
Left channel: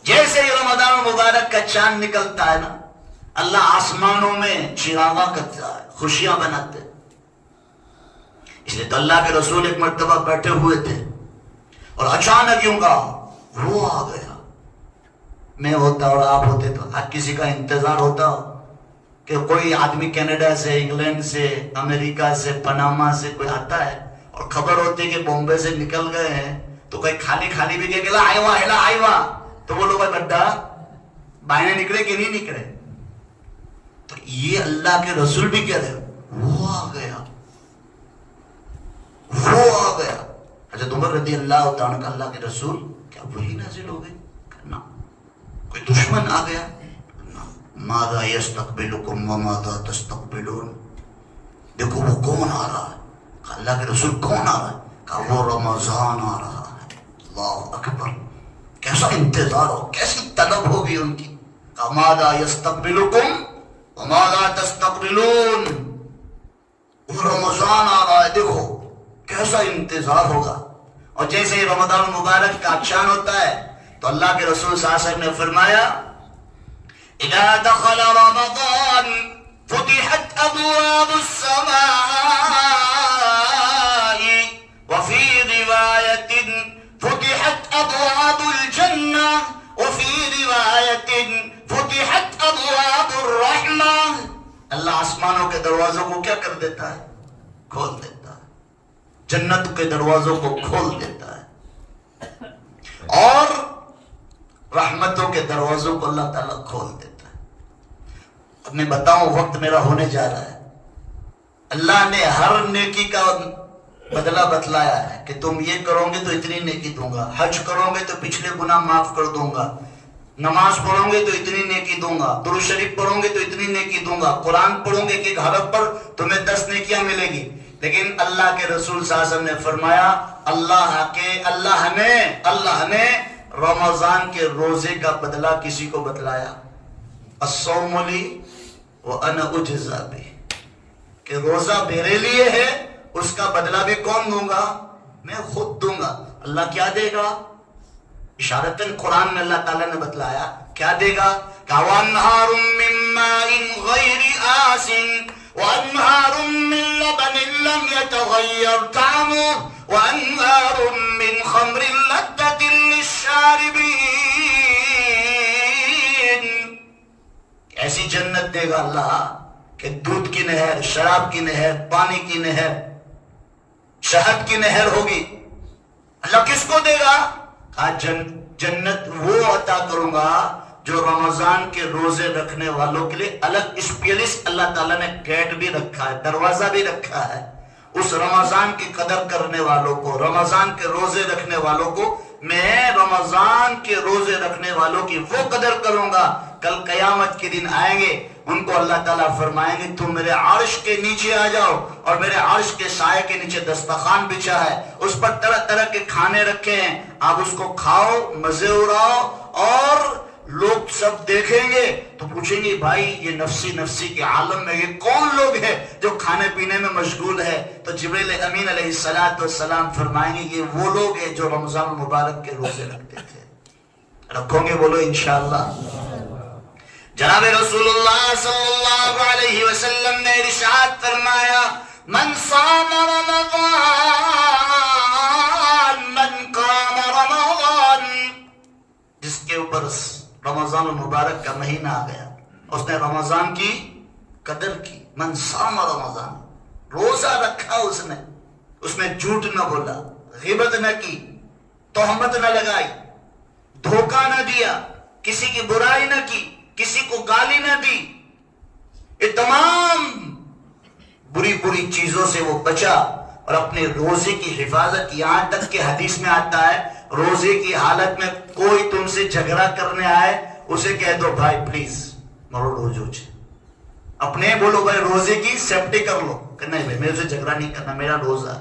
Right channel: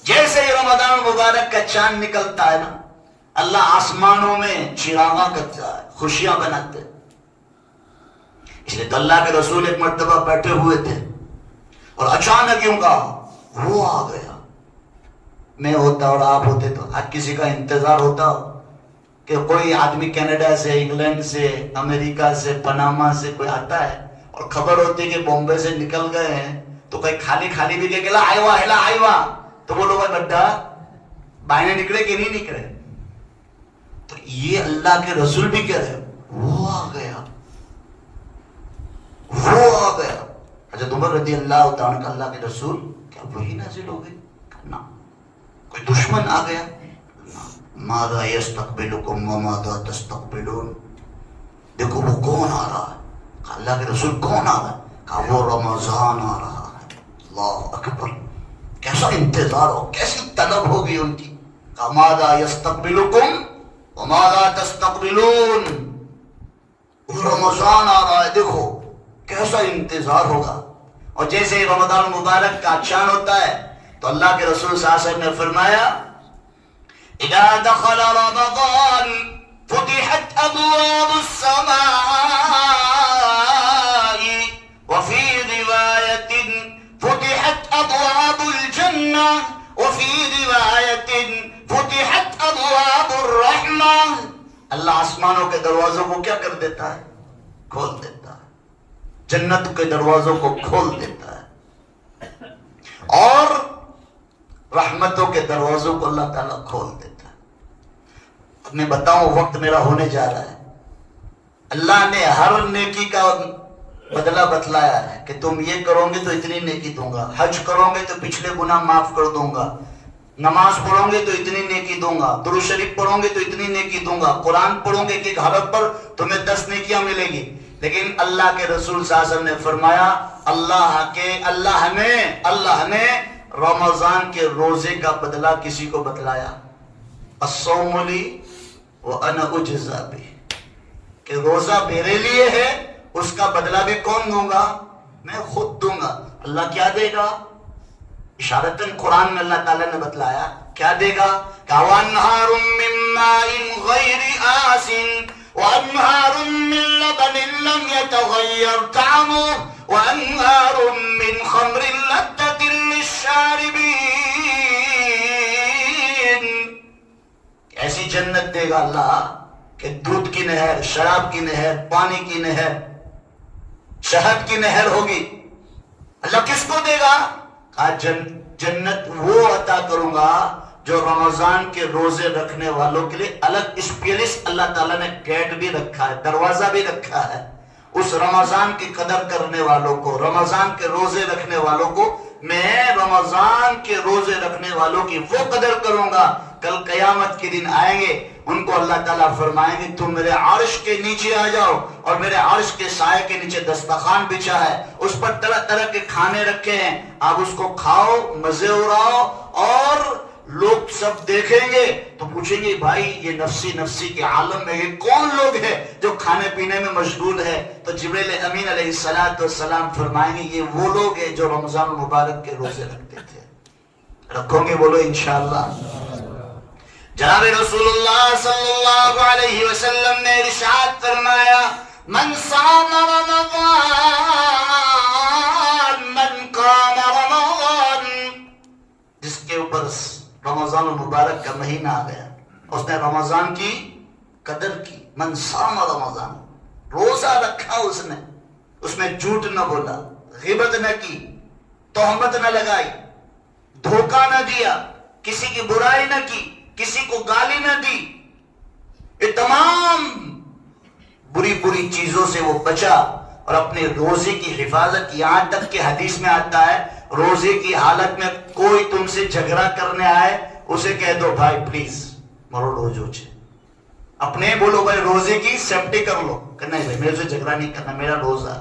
جیسے ہی رمضان مبارک کا چاند نکلتا ہے نا اللہ آسمانوں میں چراغاں کرتا ہے، خوشیاں بناتے ہیں. اس لیے تو اللہ کے رسول ایک مرتبہ بیٹھے ہوئے تھے اور اچانک یوں کہا وہ آ گیا. میں ہوتا اور آپ ہوتے تو ہر کسی کا انتظار ہوتا کہ کوئی آدمی کینیڈا سے، انگلینڈ سے، امریکہ سے، پناما سے کوئی آتا ہے اور خبر ہوتی کہ بامبے سے نکل گئے ہیں تو کوئی خالی خالی بھی کہ آئیوا تو وہ لوگ گڈھا بائنے نکلے کہ نہیں نکلے. تو یہ اللہ کے رسول بھی کہہ رہے وہ آ گیا وہ آ گیا. حضرت عمر رضی اللہ تعالیٰ عنہ اللہ کے رسول کیا وہی نازل ہو گئے؟ نہ. کوئی دشمن آ گیا؟ نہ. ماذا یستقبلکم وماذا تستقبلون. دیکھو وہ کون آ رہا ہے؟ اللہ کے رسول کون آ رہا ہے؟ کہا وہ رمضان آ رہا ہے. اللہ اکبر. کیسا انتظار ہو، کیسی طلب ہوگی ان کی. کہا ماذا یستقبلکم وماذا تستقبلون. وہ رمضان آ رہا ہے، دیکھو کیسا انتظار ہوگا. اور جیسے ہی رمضان مبارک کا چاند ہوتا ہے تو اللہ کے رسول صلی اللہ علیہ وسلم نے فرمایا اذا دخل رمضان فتحت ابواب السماء وفي روایت فتحت ابواب الجنہ وفي روایت فتحت ابواب الرحمہ. اللہ آسمانوں کے دروازوں کو کیا کر دیتا ہے؟ کھول دیتا ہے. جنت کے دروازوں کو کھول دیتا ہے اور رحمتوں کے دروازوں کو اللہ تعالیٰ کھول دیتا ہے. اب میں بتاؤں وقت میرا ہونے جا رہا ہے. اللہ نے ہر نیکی کا بدلہ بتلایا ہے کہ تم یہ کرو گے تو اتنی نیکی دوں گا، حج کرو گے تو پچھلے گناہ معاف کر دوں گا، نماز پڑھو گے تو اتنی نیکی دوں گا، درود شریف پڑھو گے تو اتنی نیکی دوں گا، قرآن پڑھو گے کہ حرف پر تمہیں 10 نیکیاں ملے گی. لیکن اللہ کے رسول صلی اللہ علیہ وسلم نے فرمایا اللہ نے رمضان کے روزے کا بدلہ کسی کو بتلایا. الصوم لی وانا اجزا بہ، کہ روزہ میرے لیے ہے اس کا بدلہ بھی کون دوں گا؟ میں خود دوں گا. اللہ کیا دے گا؟ اشارتاً قرآن میں اللہ تعالیٰ نے بتلایا کیا دے گا. وَأَنْهَارٌ مِّن مَّاءٍ غَيْرِ آسِنٍ وَأَنْهَارٌ مِّن لَّبَنٍ لَّمْ يَتَغَيَّرْ طَعْمُهُ وَأَنْهَارٌ مِّن خَمْرٍ لَّذَّةٍ لِّلشَّارِبِينَ. ایسی جنت دے گا اللہ کہ دودھ کی نہر، شراب کی نہر، پانی کی نہر، شہد کی نہر ہوگی. اللہ کس کو دے گا؟ جنت وہ عطا کروں گا جو رمضان کے روزے رکھنے والوں کے لیے الگ اسپیشلس اللہ تعالیٰ نے گیٹ بھی رکھا ہے، دروازہ بھی رکھا ہے. اس رمضان کی قدر کرنے والوں کو، رمضان کے روزے رکھنے والوں کو میں رمضان کے روزے رکھنے والوں کی وہ قدر کروں گا. کل قیامت کے دن آئیں گے، ان کو اللہ تعالیٰ فرمائیں گے تم میرے عرش کے نیچے آ جاؤ، اور میرے عرش کے سائے کے نیچے دسترخوان بچھا ہے، اس پر طرح طرح کے کھانے رکھے ہیں، آپ اس کو کھاؤ، مزے اڑاؤ. اور لوگ سب دیکھیں گے تو پوچھیں گے بھائی یہ نفسی نفسی کے عالم میں یہ کون لوگ ہیں جو کھانے پینے میں مشغول ہے؟ تو جبریل امین علیہ السلام فرمائیں گے یہ وہ لوگ ہیں جو رمضان المبارک کے روزے رکھتے تھے. رکھو گے؟ بولو انشاءاللہ. جناب رسول اللہ صلی اللہ علیہ وسلم نے ارشاد فرمایا من صام رمضان من قام رمضان. جس کے اوپر رمضان المبارک کا مہینہ آ گیا، اس نے رمضان کی قدر کی. من صام رمضان، روزہ رکھا اس نے جھوٹ نہ بولا، غیبت نہ کی، تہمت نہ لگائی، دھوکہ نہ دیا، کسی کی برائی نہ کی، کسی کو گالی نہ دی. یہ تمام بری بری چیزوں سے وہ بچا اور اپنے روزے کی حفاظت. یہاں تک کہ حدیث میں آتا ہے روزے کی حالت میں کوئی تم سے جھگڑا کرنے آئے اسے کہہ دو بھائی پلیز مرو روزو چھے. اپنے بولو بھائی روزے کی سیفٹی کر لو کہ نہیں بھائی میرے سے جھگڑا نہیں کرنا، میرا روزہ.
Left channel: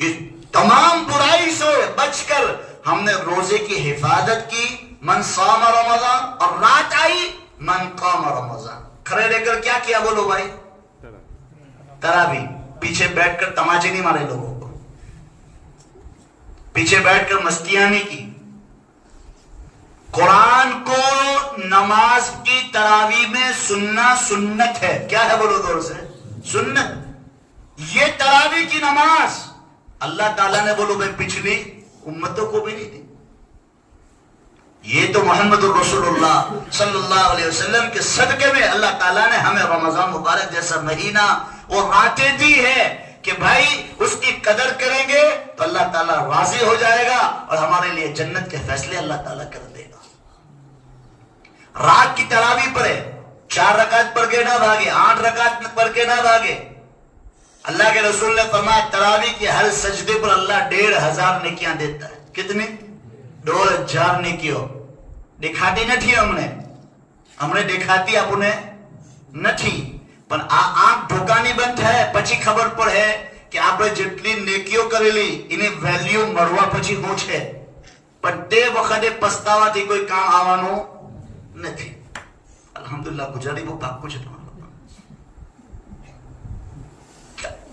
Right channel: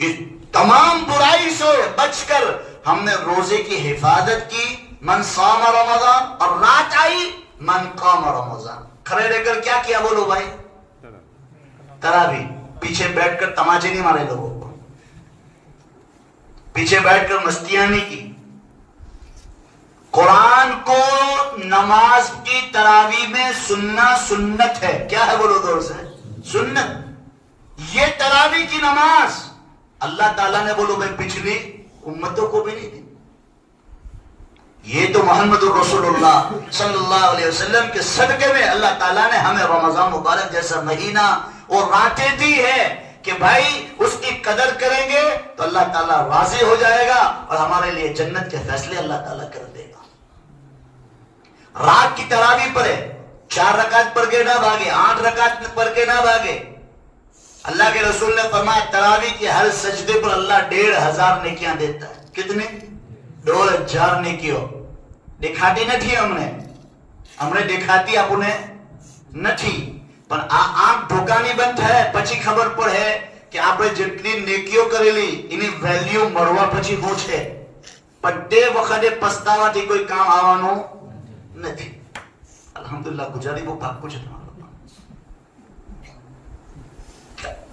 یہ تمام برائی سے بچ کر ہم نے روزے کی حفاظت کی. من صام رمضان، اور رات آئی من قام رمضان. کھڑے رہ کر کیا کیا؟ بولو بھائی تراویح. پیچھے بیٹھ کر تماچے نہیں مارے لوگوں کو، پیچھے بیٹھ کر مستیاں نہیں کی. قرآن کو نماز کی تراویح میں سننا سنت ہے. کیا ہے بولو دور سے؟ سنت. یہ تراویح کی نماز اللہ تعالیٰ نے بولو بھائی پچھلی امتوں کو بھی نہیں دی. یہ تو محمد رسول اللہ صلی اللہ علیہ وسلم کے صدقے میں اللہ تعالیٰ نے ہمیں رمضان مبارک جیسا مہینہ اور راتیں دی ہے کہ بھائی اس کی قدر کریں گے تو اللہ تعالیٰ راضی ہو جائے گا اور ہمارے لیے جنت کے فیصلے اللہ تعالیٰ کر دے گا. رات کی تراویح پڑھے، 4 رکعت پڑھ کے نہ بھاگے، 8 رکعت پڑھ کے نہ بھاگے. اللہ کے رسول نے فرمایا تراویح کے ہر سجدے پر اللہ 1500 نیکیاں دیتا ہے. کتنے؟ 2000 نیکیوں. دکھاتی نہ تھی ہم نے دکھاتی اپنے نہ تھی પણ આ આંખ ઢોકાની બંધ થાય પછી ખબર પડે કે આપણે જેટલી નેકીઓ કરેલી એની વેલ્યુ મળવા પછી શું છે, પણ તે વખતે પસ્તાવાથી કોઈ કામ આવવાનું નથી. અલ્હમ્દુલિલ્લાહ ગુજરાતી બહુ પાકું છે તમારું.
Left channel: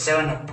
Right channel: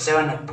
7,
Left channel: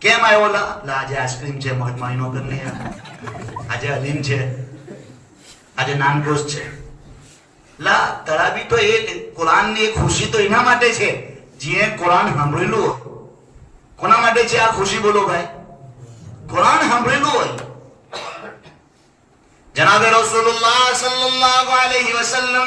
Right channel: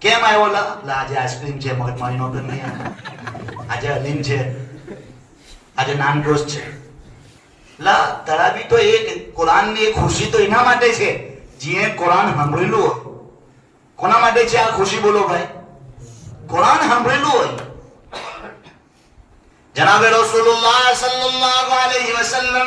કેમ આવ્યો લા આજે આઈસ્ક્રીમ છે, મગજ મારી નો નહીં, આજે હલીમ છે, આજે નાનગોશ છે. લા તરાવી તો એક કુરાનની એક ખુશી તો એના માટે છે જે કુરાન સાંભળેલું હોય. કોના માટે છે આ ખુશી બોલો ભાઈ? કુરાન સાંભળેલું હોય. જનાબે રસૂલુલ્લાહ સલ્લલ્લાહુ અલૈહિ વસલ્લમ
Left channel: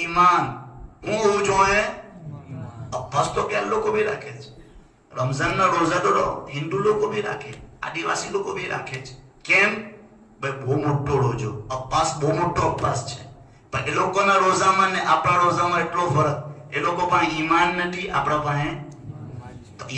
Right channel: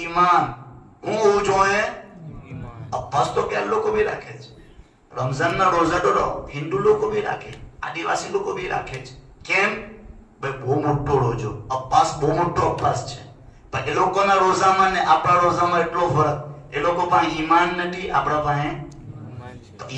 ایمان ہوں جو ہے عباس تو کیا لوگ کو بھی رکھے رمضان نہ روزہ ڈوڑو ہندو لوگ کو بھی رکھے آدیواسی لوگ کو بھی رکھے કેમ ભાઈ બહુ મોટો રોજો અપાસ બહુ મોટો અપાસ છે પણ એ લોકોના રોજામાં ને આપણા રોજામાં એટલો ફરક એ લોકો પાસે ઈમાન નથી આપણા પાસે તો